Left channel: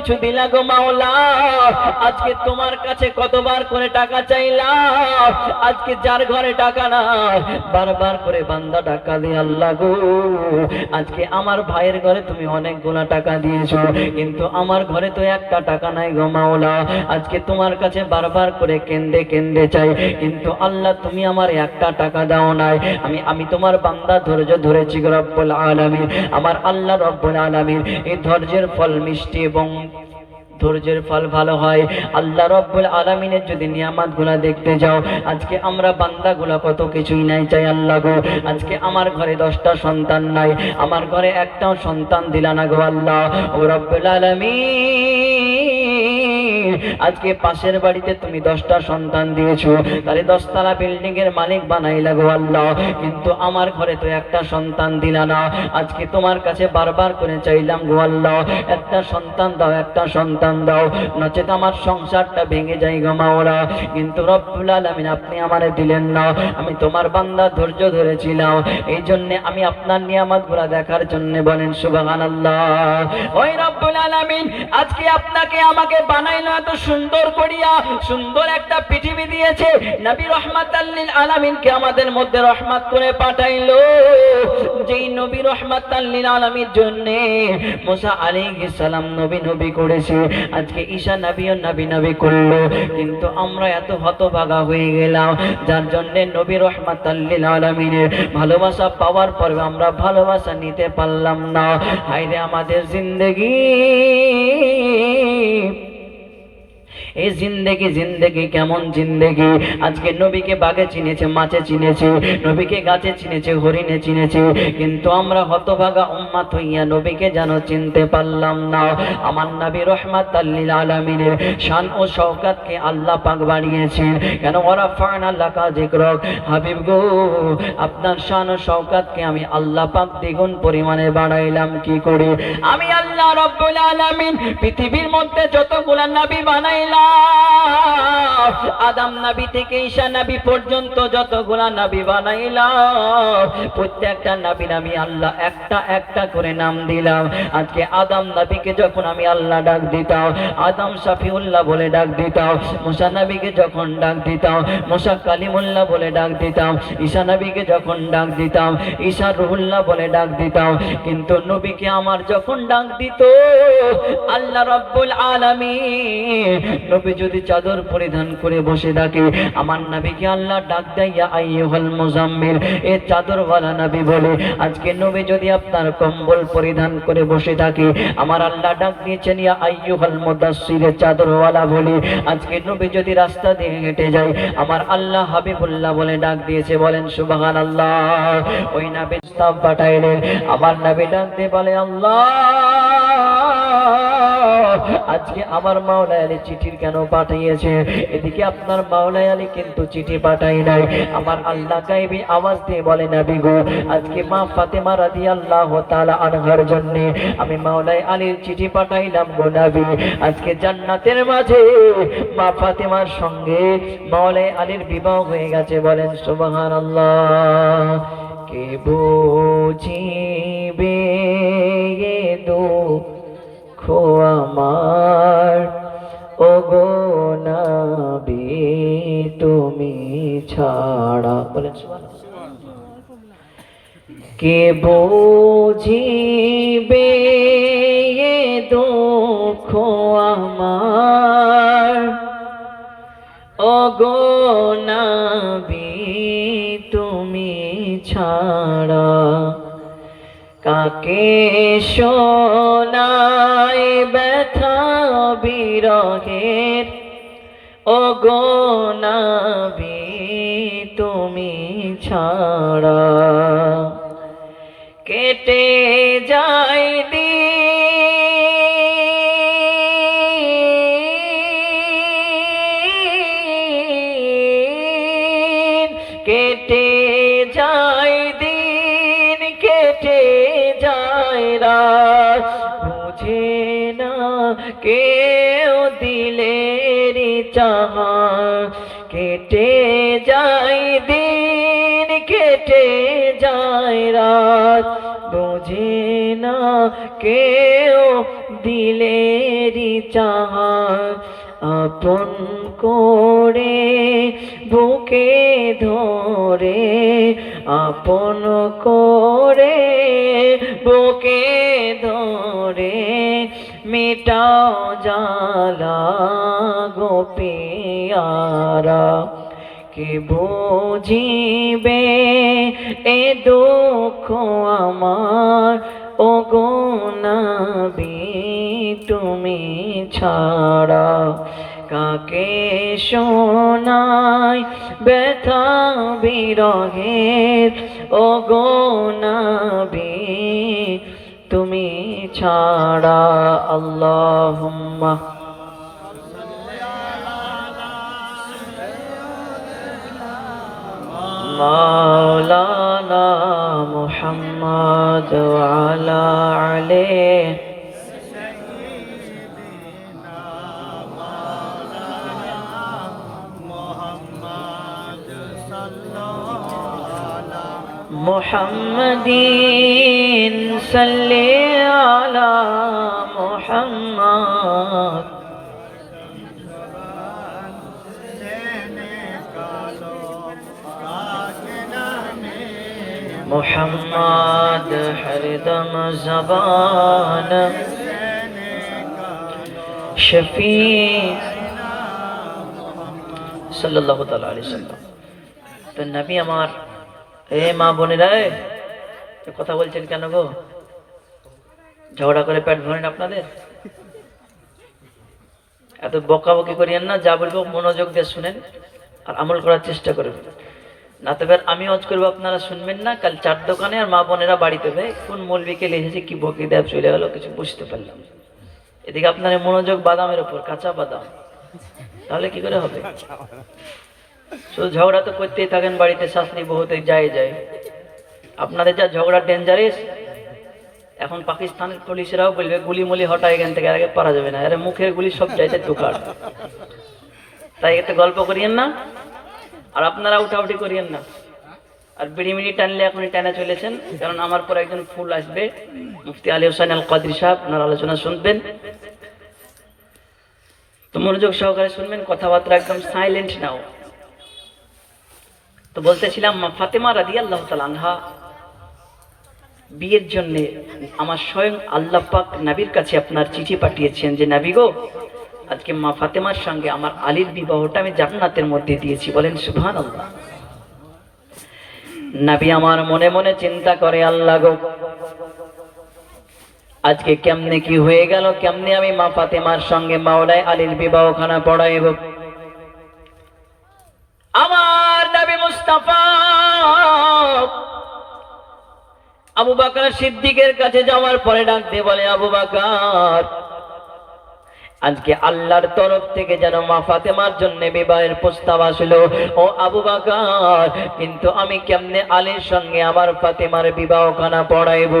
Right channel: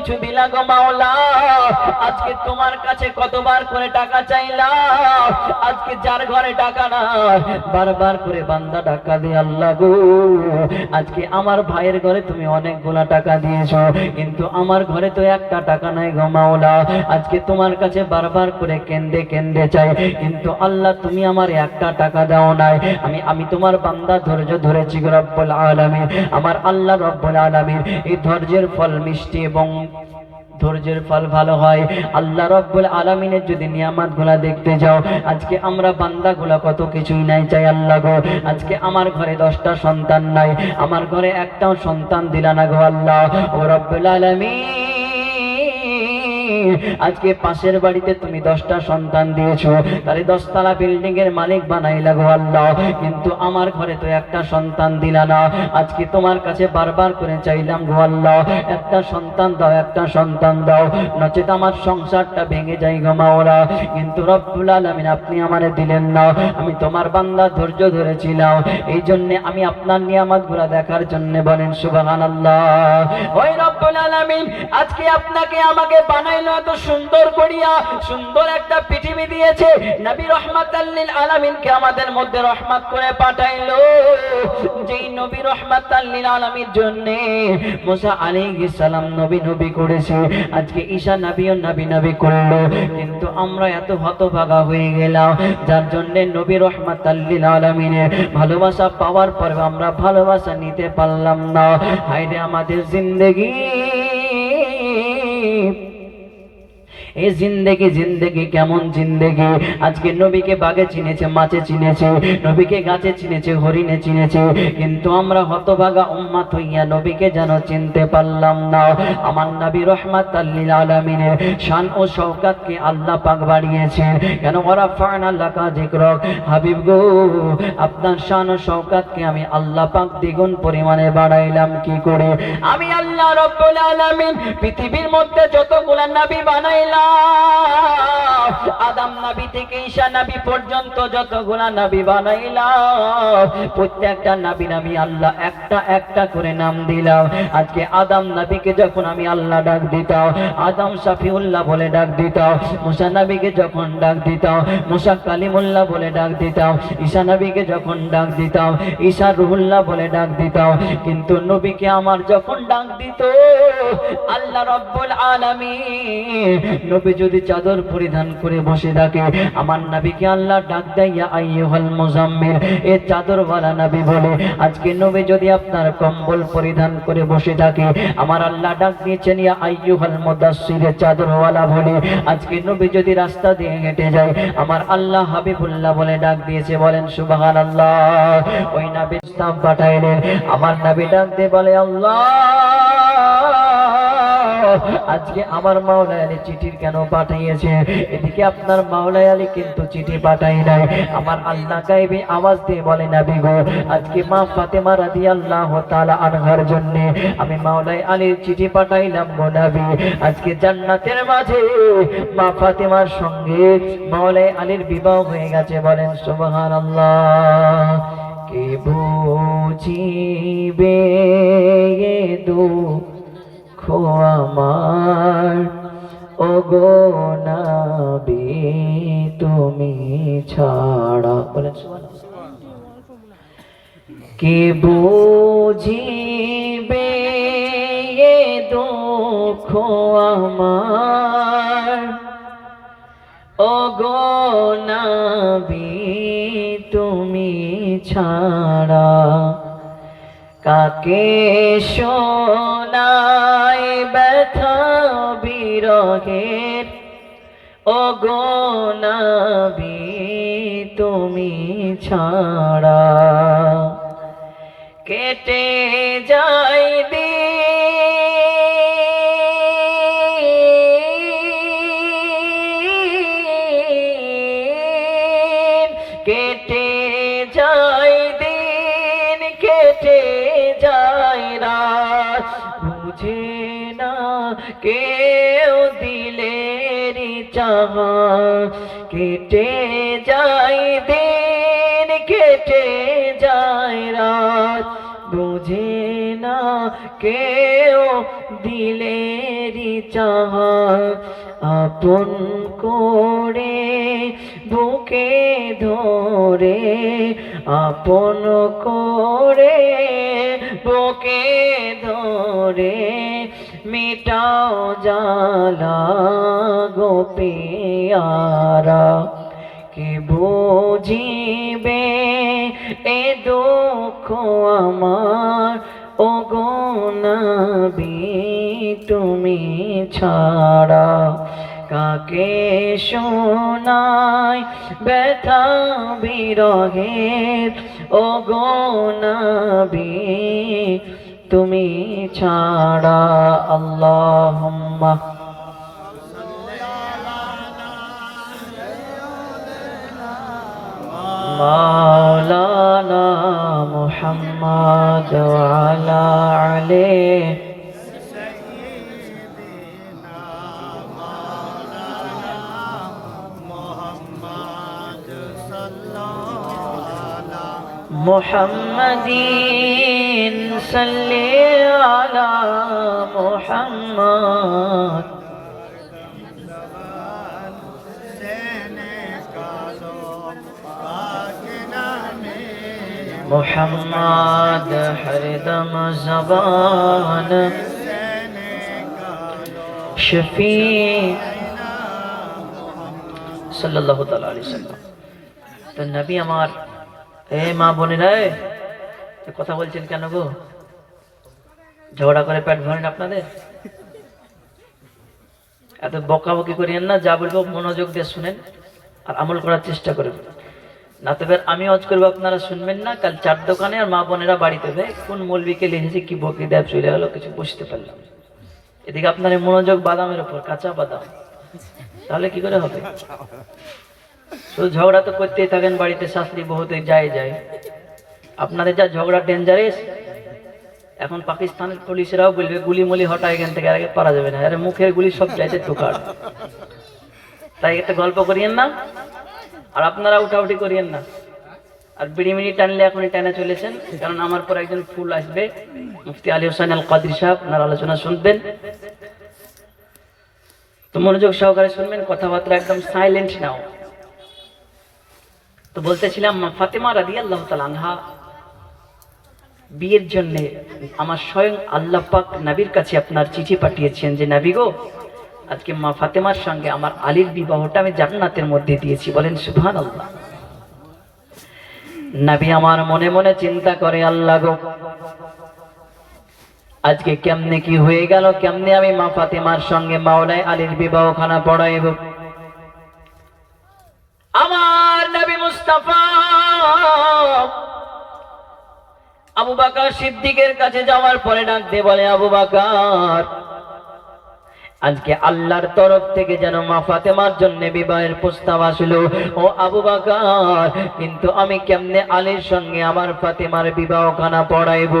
কিছু দিলা গো মাওলা। আজকে তোমার কাছে কতবার করে টাকা চাইলাম, আজকে যার ঘরে টাকা না বারবার করে বান্দা টাকা দিয়ে আল্লাহ গো, আজকে আমার ভাইয়ের ঘরে তুমি অনেকগুলা টাকা দিয়েছো, কিন্তু আমার ঘরে তো একটা টাকা নাই গো মাওলা। আজকে তোমার কাছে বারবার করে কেন্দে কেন্দে চাই, কিন্তু আল্লাহ তুমি আমার একটা টাকা দাও নাই। আমি তোমার বান্দা ধৈর্য ধরেছি গো রব্বুল আলামিন। আমার আল্লাহ রব্বুল আলামিন এই ধৈর্যের ফল মিষ্টি এবং ধৈর্যের ফল ভালো হয়। আল্লাহ রাব্বুল আলামিনের যদি নিয়ামতগুলো দেখতে যাও, আজকে আমরা বান্দাগুলো কত কিছুই নাই চাই আল্লাহ গো। আজকে আমার ঘরে 10টা সন্তান নাই, আমার ঘরে একটাও সন্তান দিলা না গো আল্লাহ ও রাব্বুল আলামিন। আজকে পাশের বাড়িতে তুমি 10টা সন্তান দিয়েছো, তারে 10 তলা বিল্ডিং এর মালিক বানাইলা গো আল্লাহ, কিন্তু আমার ঘরে তো একটা সন্তান দিলা না। আজকে তোমার কাছে বারবার করে চাইলাম গো আল্লাহ, একটা সন্তান দাও, একটা সন্তান দাও, নচেত আমার সংসারটা ভেঙে যায় গো মাওলা। কিন্তু রব্বুল আলামিন আপনি আমারে দিলেন না। আমি তোমার বান্দা ধৈর্য ধরেছিলাম, এই জন্য আমি আপনার নিয়ামতগুলো দেখার জন্য বলেন সুবহানাল্লাহ। ওই রব্বুল আলামিন আজকে আপনাকে আমাকে বানাইলো এত সুন্দর করিয়া, সুন্দর একটা পৃথিবী দিয়েছে, নবী রাহমাতাল লিল আলামিনকে আমাদের মধ্যে রহমত করে পাঠাইলো। যেই নবী রাহমাতাল লিল আলামিনের জন্য মুসা আলাইহিস সালাম নবী করেছে, আজকে ঈসা নবীও নবী করলো, কিন্তু আমরা এত হতভাগা হয়ে গেলাম, যার জন্য নবী রাহমাতাল লিল আলামিনের ভালোবাসা পাওয়ার পর আমরা ভালোবাসা নিতে পারলাম না। হায়রে আমাদের জিন্দেগি, এই জিন্দেগি কেমন জিন্দেগি। আজকে নবীকে বাগে চিনেছে, মাছে চিনেছে, নবীকে গাছে চিনেছে, হরিণে চিনেছে, কিন্তু আমরা হতভাগা উম্মত হইয়া নবীকে যেন চিনতে পারলাম না। আমার নবী রাহমাতাল লিল আলামিনের শান ও শওকতকে আল্লাহ পাক বাড়িয়েছেন, কেন ওয়ারাফা'না লাকা যিকরাক। হাবিব গো, আপনার শান ও শওকতকে আমি আল্লাহ পাক দ্বিগুণ পরিমাণে বাড়াইলাম কি করে? আমি আল্লাহ রাব্বুল আলামিন পৃথিবীর মধ্যে যতগুলো নবী বানাইলাম, আদম নবী থেকে ঈসা নবী পর্যন্ত যতগুলা নবী বানাইলাম, প্রত্যেকটা নবীর আমি আল্লাহ একটা একটা করে নাম দিলাম। আজকে আদম নবীকে যখন আমি আল্লাহ ডাক দিতাম, আদম শাফিউল্লাহ বলে ডাক দিতাম। মুসা নবীকে যখন ডাক দিতাম, মুসা কালিমুল্লাহ বলে ডাক দিতাম। ঈসা নবীকে যখন ডাক দিতাম, ঈসা রুহুল্লাহ বলে ডাক দিতাম। কিন্তু নবীকে আমার যখন ডাক দিত আল্লাহ রাব্বুল আলামিন, নবী যদি চাদর পরিধান করে বসে থাকে, আমার নবীকে আল্লাহ ডাক দেয় ইয়া আইয়ুহাল মুজাম্মিল, এই চাদরওয়ালা নবী বলে। আজকে নবী যদি আপনার কম্বল পরিধান করে বসে থাকে, আমার আল্লাহ ডাক দিয়েছেন ইয়া আইয়ুহাল মুদাসসির, চাদরওয়ালা বলে। আজকে নবী যদি রাস্তা দিয়ে হেঁটে যায়, আমার আল্লাহ হাবিবুল্লাহ বলে ডাক দিয়েছে, বলেন সুবহানাল্লাহ। ওই নবী ইসলাম পাঠাইলেন, আমার নবী ডাক দিয়ে বলে আল্লাহ, আজকে আমার মাওলা আলী চিঠির কেন পাঠিয়েছে? এদিকে আপনার মাওলা আলী কিন্তু চিঠি পাঠাই নাই। আমার আল্লাহ গায়বে আওয়াজ দিয়ে বলে নবী গো, আজকে মা ফাতেমা রাদিয়াল্লাহু তাআলা আনহার জন্য আমি মাওলা আলীর চিঠি পাঠাইলাম গো নবী। আজকে জান্নাতের মাঝে মা ফাতেমার সঙ্গে মাওলা আলীর বিবাহ হয়ে গেছে, বলেন সুবহানাল্লাহ। কে বুঝিবে এ দুঃখ আমার, ও গো নবী তুমি ছাড়া, কে বুঝিবে এ দুঃখ আমার, ও গো নবী তুমি ছাড়া। কাকে শোনাই ব্যথা বিরহের, ও গো নবী তুমি ছাড়া। কেটে যায় দিন, কেটে যায় দিন, কেটে যায় রাত, বুঝে না কেউ দিলেরই চাহত। কেটে যায় দিন, কেটে যায় রাত, বুঝে না কেউ দিলেরই চাহা আপন করে বুকে ধরে আপন করে বুকে ধরে মিটাও জ্বালা গো পিয়ারা কে বুঝিবে এ দুঃখ আমার ও গো নবী তুমি ছাড়া কাকে শোনাই ব্যথা বিরহের ও গো নবী তুমি ছাড়া আল্লাহুম্মা মাওলানা মুহাম্মদ আলা আলিহি মুহাম্মাদিন সাল্লি আলা মুহাম্মদ মুহাম্মদ হরদম জবান শফি সাল্লাল্লাহু তাআলা আলাইহি ওয়াসাল্লাম। তো নবী আমার এ মা বোনেরা কথা বলছেন কেন গো? ঝগড়া করে পেট ভরেন আপনাদের? এত বকাবকি করিয়েন না, যা বলবো মনোযোগ দিয়ে শুনেন আর আমল করার চেষ্টা করবেন। না তবে আমি আজ করবো, আপনারা শুনবেন না। কাল চার দোকানে আর মা বোনেরা বাড়িতে কোন মৌলবীকে লিখেছে কি বকে দেব চলে গেল, কিছু বুঝতে পারলাম। এদিকে আপনার মনোযোগ বাদামের ওপর, কাঁচা বাদাম, তাহলে কি করে হবে? শুধু ঝগড়া তো করতেই থাকেন বাড়িতে, শাস্ত্রী বহুতে যায় যায়। আপনাদের যা ঝগড়া ডেঞ্জারাস, এখন পাকিস্তানের পুলিশেরাও বলবে গুলি মুলি হটা এখান থেকে, আগে পারা যাবে না, আরে মুখের গুলি সব চাইতে ঢোকার। তাই একটা গল্প করিয়েন না, আর আপনারা উঠাউঠি করিয়েন না। আর বিড়ি মিনি টানলে এখনই টানে চলেছেন, কারণ আমার পর একজন ফুল আসবে, মুফতি আলী হোসেন আল কাদরি সাহেব, ওনার আলোচনা শুনবেন। তো মনোযোগ সহকারে শুনবেন, কথাবার্তা একদম সাইলেন্ট নাও। তো বলতেছিলাম মা ফাতেমা রাদিয়াল্লাহু তাআলা আনহা বিয়ের জন্য আমার স্বয়ং আল্লাহ পাক নবীর কাছে আপনার চিঠি পাঠিয়েছেন যে নবী গো, আজকে মা ফাতেমার সঙ্গে আমার আলীর বিবাহটা আমি জান্নাতের মধ্যে দিয়েছি। বলেন সুবহানাল্লাহ। নবী আমার মনে মনে চিন্তা করে, আল্লাহ গো, আজকে কেমনে কি হয়ে গেল, কেমনে আমি মা ফাতেমার সঙ্গে মাওলাই আলীর বিবাহখানা পড়াইব। আমার নবী মুস্তাফা আবু বকর সিদ্দিকের কাছে যাওয়ার পরে ডাক দিয়ে বলে, আবু বকর, আজকে আল্লাহর তরফ থেকে যেন মা ফাতেমার জন্য বিবাহের প্রস্তাব আসলো। ও আবু বকর, কিন্তু আমি কেমনে আলীর সঙ্গে আমার ফাতেমার বিবাহখানা পড়াইব?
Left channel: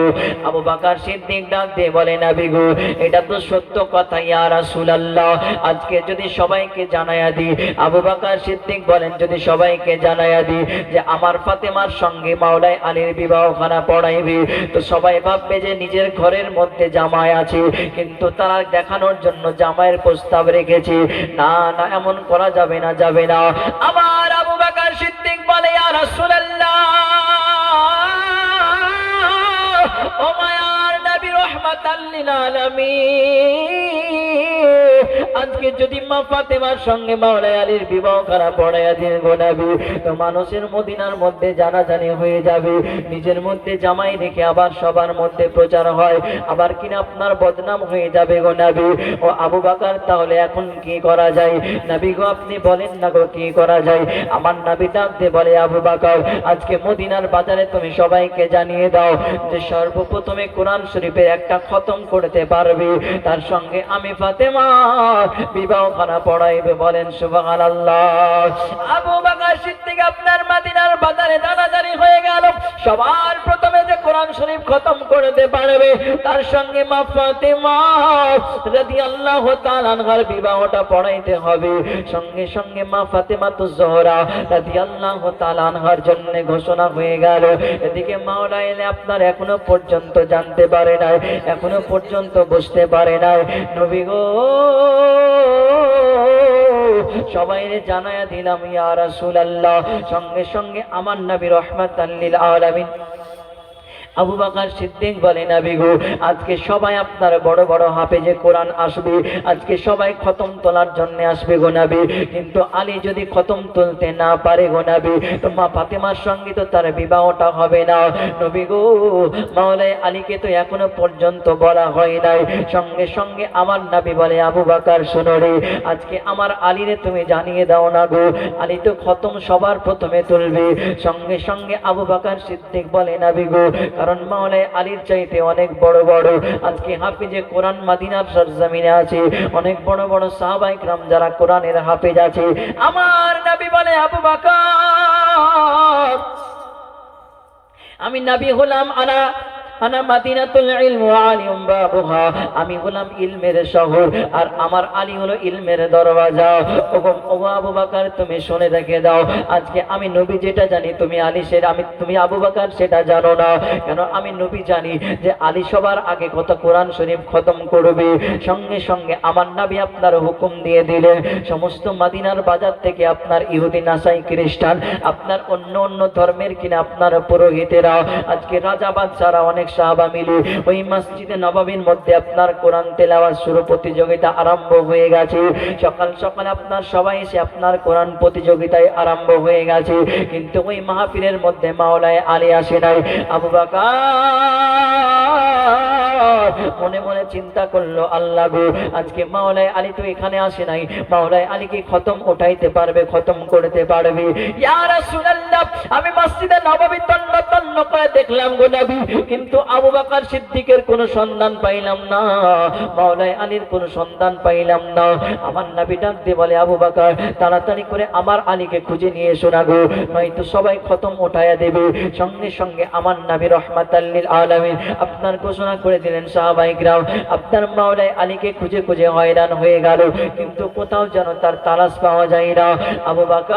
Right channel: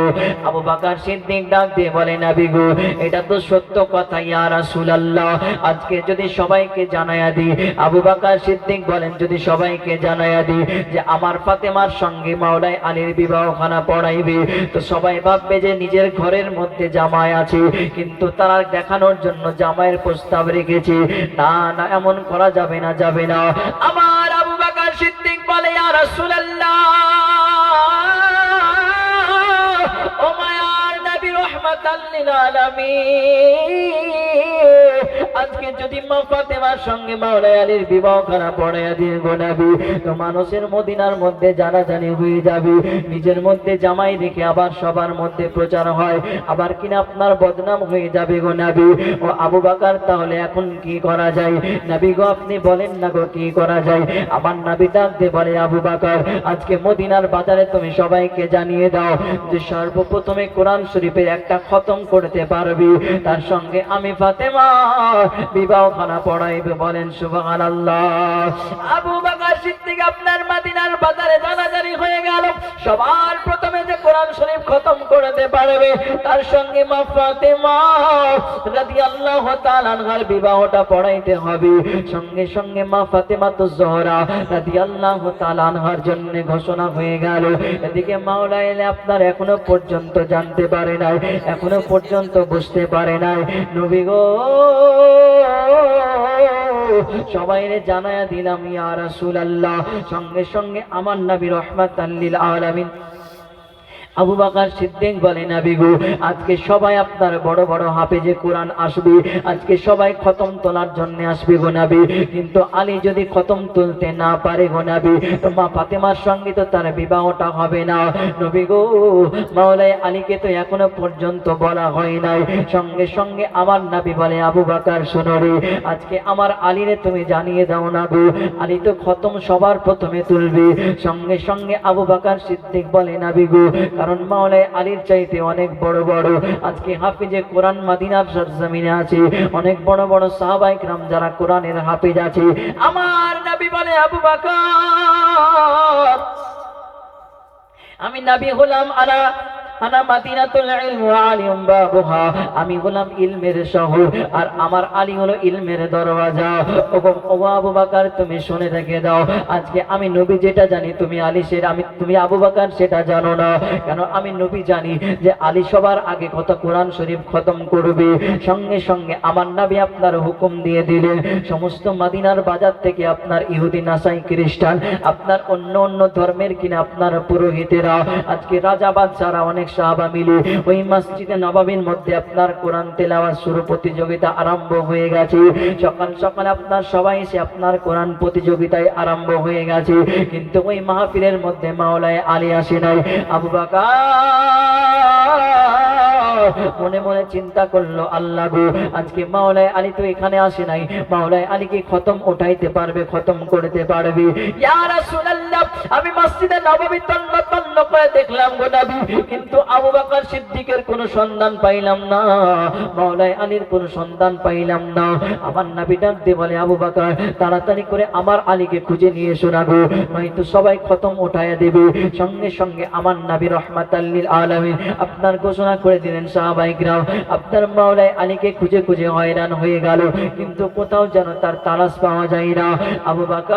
আবু বকর সিদ্দিক ডাক দিয়ে বলে, নবী গো, এটা তো সত্য কথা ইয়া রাসূলুল্লাহ, আজকে যদি সবাইকে জানায়া দিই। আবু বকর সিদ্দিক বলেন, যদি সবাইকে জানায়া দিই যে আমার ফাতেমার সঙ্গে মাওলাই আলীর বিবাহখানা পড়াইবে, তো সবাই ভাববে যে নিজের ঘরের মধ্যে জামাই আছে, কিন্তু তারা দেখানোর জন্য জামাইয়ের প্রস্তাব রেখেছে। না না, এমন করা যাবে না, যাবে না। আবার আবু বকর সিদ্দিক বলে, ইয়া রাসূলুল্লাহ, ও মায়ার নবী রাহমাতাল লিল আলামিন, আজকে যদি মা ফাতেমার সঙ্গে মাওলাই আলীর বিবাহখানা পড়াইয়া দিয়ে গো নবী, তো মানুষের মদিনার মধ্যে জানাজানি হয়ে যাবে। নিজের মধ্যে জামাই রেখে আবার সবার মধ্যে প্রচার হয়, আবার কিনা আপনার বদনাম হয়ে যাবে গো নবী। ও আবু বকর, তাহলে এখন কি করা যায়? নবী গো, আপনি বলেন না গো, কি করা যায়? আমার নবী ডাক দিয়ে বলে, আবু বকর, আজকে মদিনার বাজারে তুমি সবাইকে জানিয়ে দাও যে সর্বপ্রথমে কোরআন শরীফের একটা খতম করতে পারবে, তার সঙ্গে আমি ফাতেমা বিবাহখানা পড়াইবে। বলেন সুবহানাল্লাহ। আবু বকর সিদ্দিক আপনার মদিনার বাজারে জানাজানি হয়ে গেল। সবার প্রথমে যে কোরআন শরীফ খতম করতে পারবে, তার সঙ্গে মা ফাতেমা রাদিয়াল্লাহু তাআলা আনহার বিবাহটা পড়াইতে হবে। সঙ্গে সঙ্গে মা ফাতেমাতুজ জোহরা রাদিয়াল্লাহু তাআলা আনহার জন্য ঘোষণা হয়ে গেল। এদিকে মাওলাই আলী আপনার এখনো পর্যন্ত জানতে পারে নাই, এখনো পর্যন্ত বুঝতে পারে নাই। নবী গো, সবাইরে জানায়া দিলাম ইয়া রাসূলুল্লাহ। সঙ্গে সঙ্গে আমার নবী রাহমাতাল লিল আলামিন আবু বকর সিদ্দিক বলে, নবী গো, আজকে সবাই আপনার বড় বড় হাফেজে কোরআন আসবে, আজকে সবাই খতম তোলার জন্য আসবে গো নবী, কিন্তু আলী যদি খতম তুলতে না পারে গো নবী, তো মা ফাতেমার সঙ্গে তো তার বিবাহটা হবে না। নবী গো, মাওলাই আলীকে তো এখনো পর্যন্ত বলা হয় নাই। সঙ্গে সঙ্গে আমার নবী বলে, আবু বকর শোনো রে, আজকে আমার আলীরে তুমি জানিয়ে দাও না গো, আলী তো খতম সবার প্রথমে তুলবে। সঙ্গে সঙ্গে আবু বকর সিদ্দিক বলে, নবী গো, কারণ মাওলাই আলীর চাইতে অনেক বড় বড় আজকে হাফেজে কোরআন মাদিনার সরজমিনে আছে, অনেক বড় বড় সাহাবায়ে কিরাম যারা কোরআনের হাফেজ আছে। আমার নবী বলে, আবু বকর, আমি নবী হলাম আনা মাদিনাতুল ইলম ওয়া আলিম বাবুহা, আমি হলাম ইলমের শহর আর আমার আলী হলো ইলমের দরওয়াজা। ও আবু বকর, তুমি শুনে রেখে দাও, আজকে আমি নবী যেটা জানি তুমি আলী সেটা তুমি আবু বকর সেটা জানো না। কেন? আমি নবী জানি যে আলী সবার আগে কত কোরআন শরীফ খতম করবে। সঙ্গে সঙ্গে আমার নবী আপনার হুকুম দিয়ে দিলেন, সমস্ত মাদিনার বাজার থেকে আপনার ইহুদি নাসাই খ্রিস্টান আপনার অন্য অন্য ধর্মের কিনা আপনার পুরোহিতেরা আজকে রাজা বাদশারা অনেক সাহাবা মিলে ওই মসজিদে নববীর মধ্যে আপনার কোরআন তেলাওয়াত শুরু প্রতিযোগিতা আরম্ভ হয়ে গেছে। সকাল সকাল আপনার সবাই এসে আপনার কোরআন প্রতিযোগিতায় আরম্ভ হয়ে গেছে, কিন্তু ওই মাহফিলের মধ্যে মাওলাই আলী আসে নাই। আবু বকর মনে মনে চিন্তা করলো, আল্লাহ গো, আজকে মাওলাই আলী তো এখানে আসে নাই, মাওলাই আলী কি খতম উঠাইতে পারবে, খতম করতে পারবে? ইয়া রাসূলুল্লাহ, আমি মসজিদে নববী তন্ন তন্ন করে দেখলাম গো নবী, কিন্তু আবু বকর সিদ্দিকের কোনো সন্ধান পাইলাম না, মাওলাই আলীর কোনো সন্ধান পাইলাম না। আমার নবী ডাক দিয়ে বলে, আবু বকর, তাড়াতাড়ি করে আমার আলীকে খুঁজে নিয়ে এসো না গো, নয়তো সবাই খতম উঠাইয়া দেবে। সঙ্গে সঙ্গে আমার নবী রাহমাতাল লিল আলামিন আপনার ঘোষণা করে দিলেন, সাহাবায়ে কিরাম আপনার মাওলাই আলীকে খুঁজে খুঁজে হয়রান হয়ে গেল, কিন্তু কোথাও যেন তার তালাশ পাওয়া যায় না। আবু বকর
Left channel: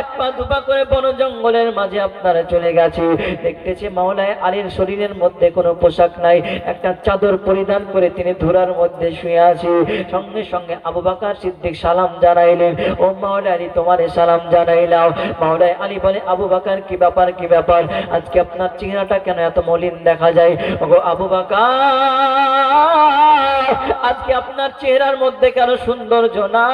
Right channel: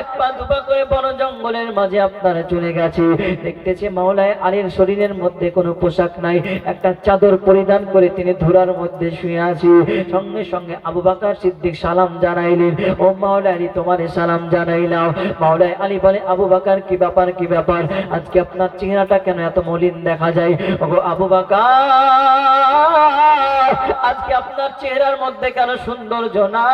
এক পা দুপা করে বন জঙ্গলের মাঝে আপনারা চলে গেছে, দেখতেছে মাওলাই আলীর শরীরের মধ্যে কোনো পোশাক নাই, একটা চাদর পরিধান করে তিনি ধুলার মধ্যে শুয়ে আছে। সঙ্গে সঙ্গে আবু বকর সিদ্দিক সালাম জানাইলেন, ও মাওলাই আলী, তোমারে সালাম জানাইলাম। মাওলাই আলী বলে, আবু বকর, কি ব্যাপার, কি ব্যাপার, আজকে আপনার চেহারাটা কেন এত মলিন দেখা যায়? ওগো আবু বকর, আজকে আপনার চেহারার মধ্যে কেন সৌন্দর্য না,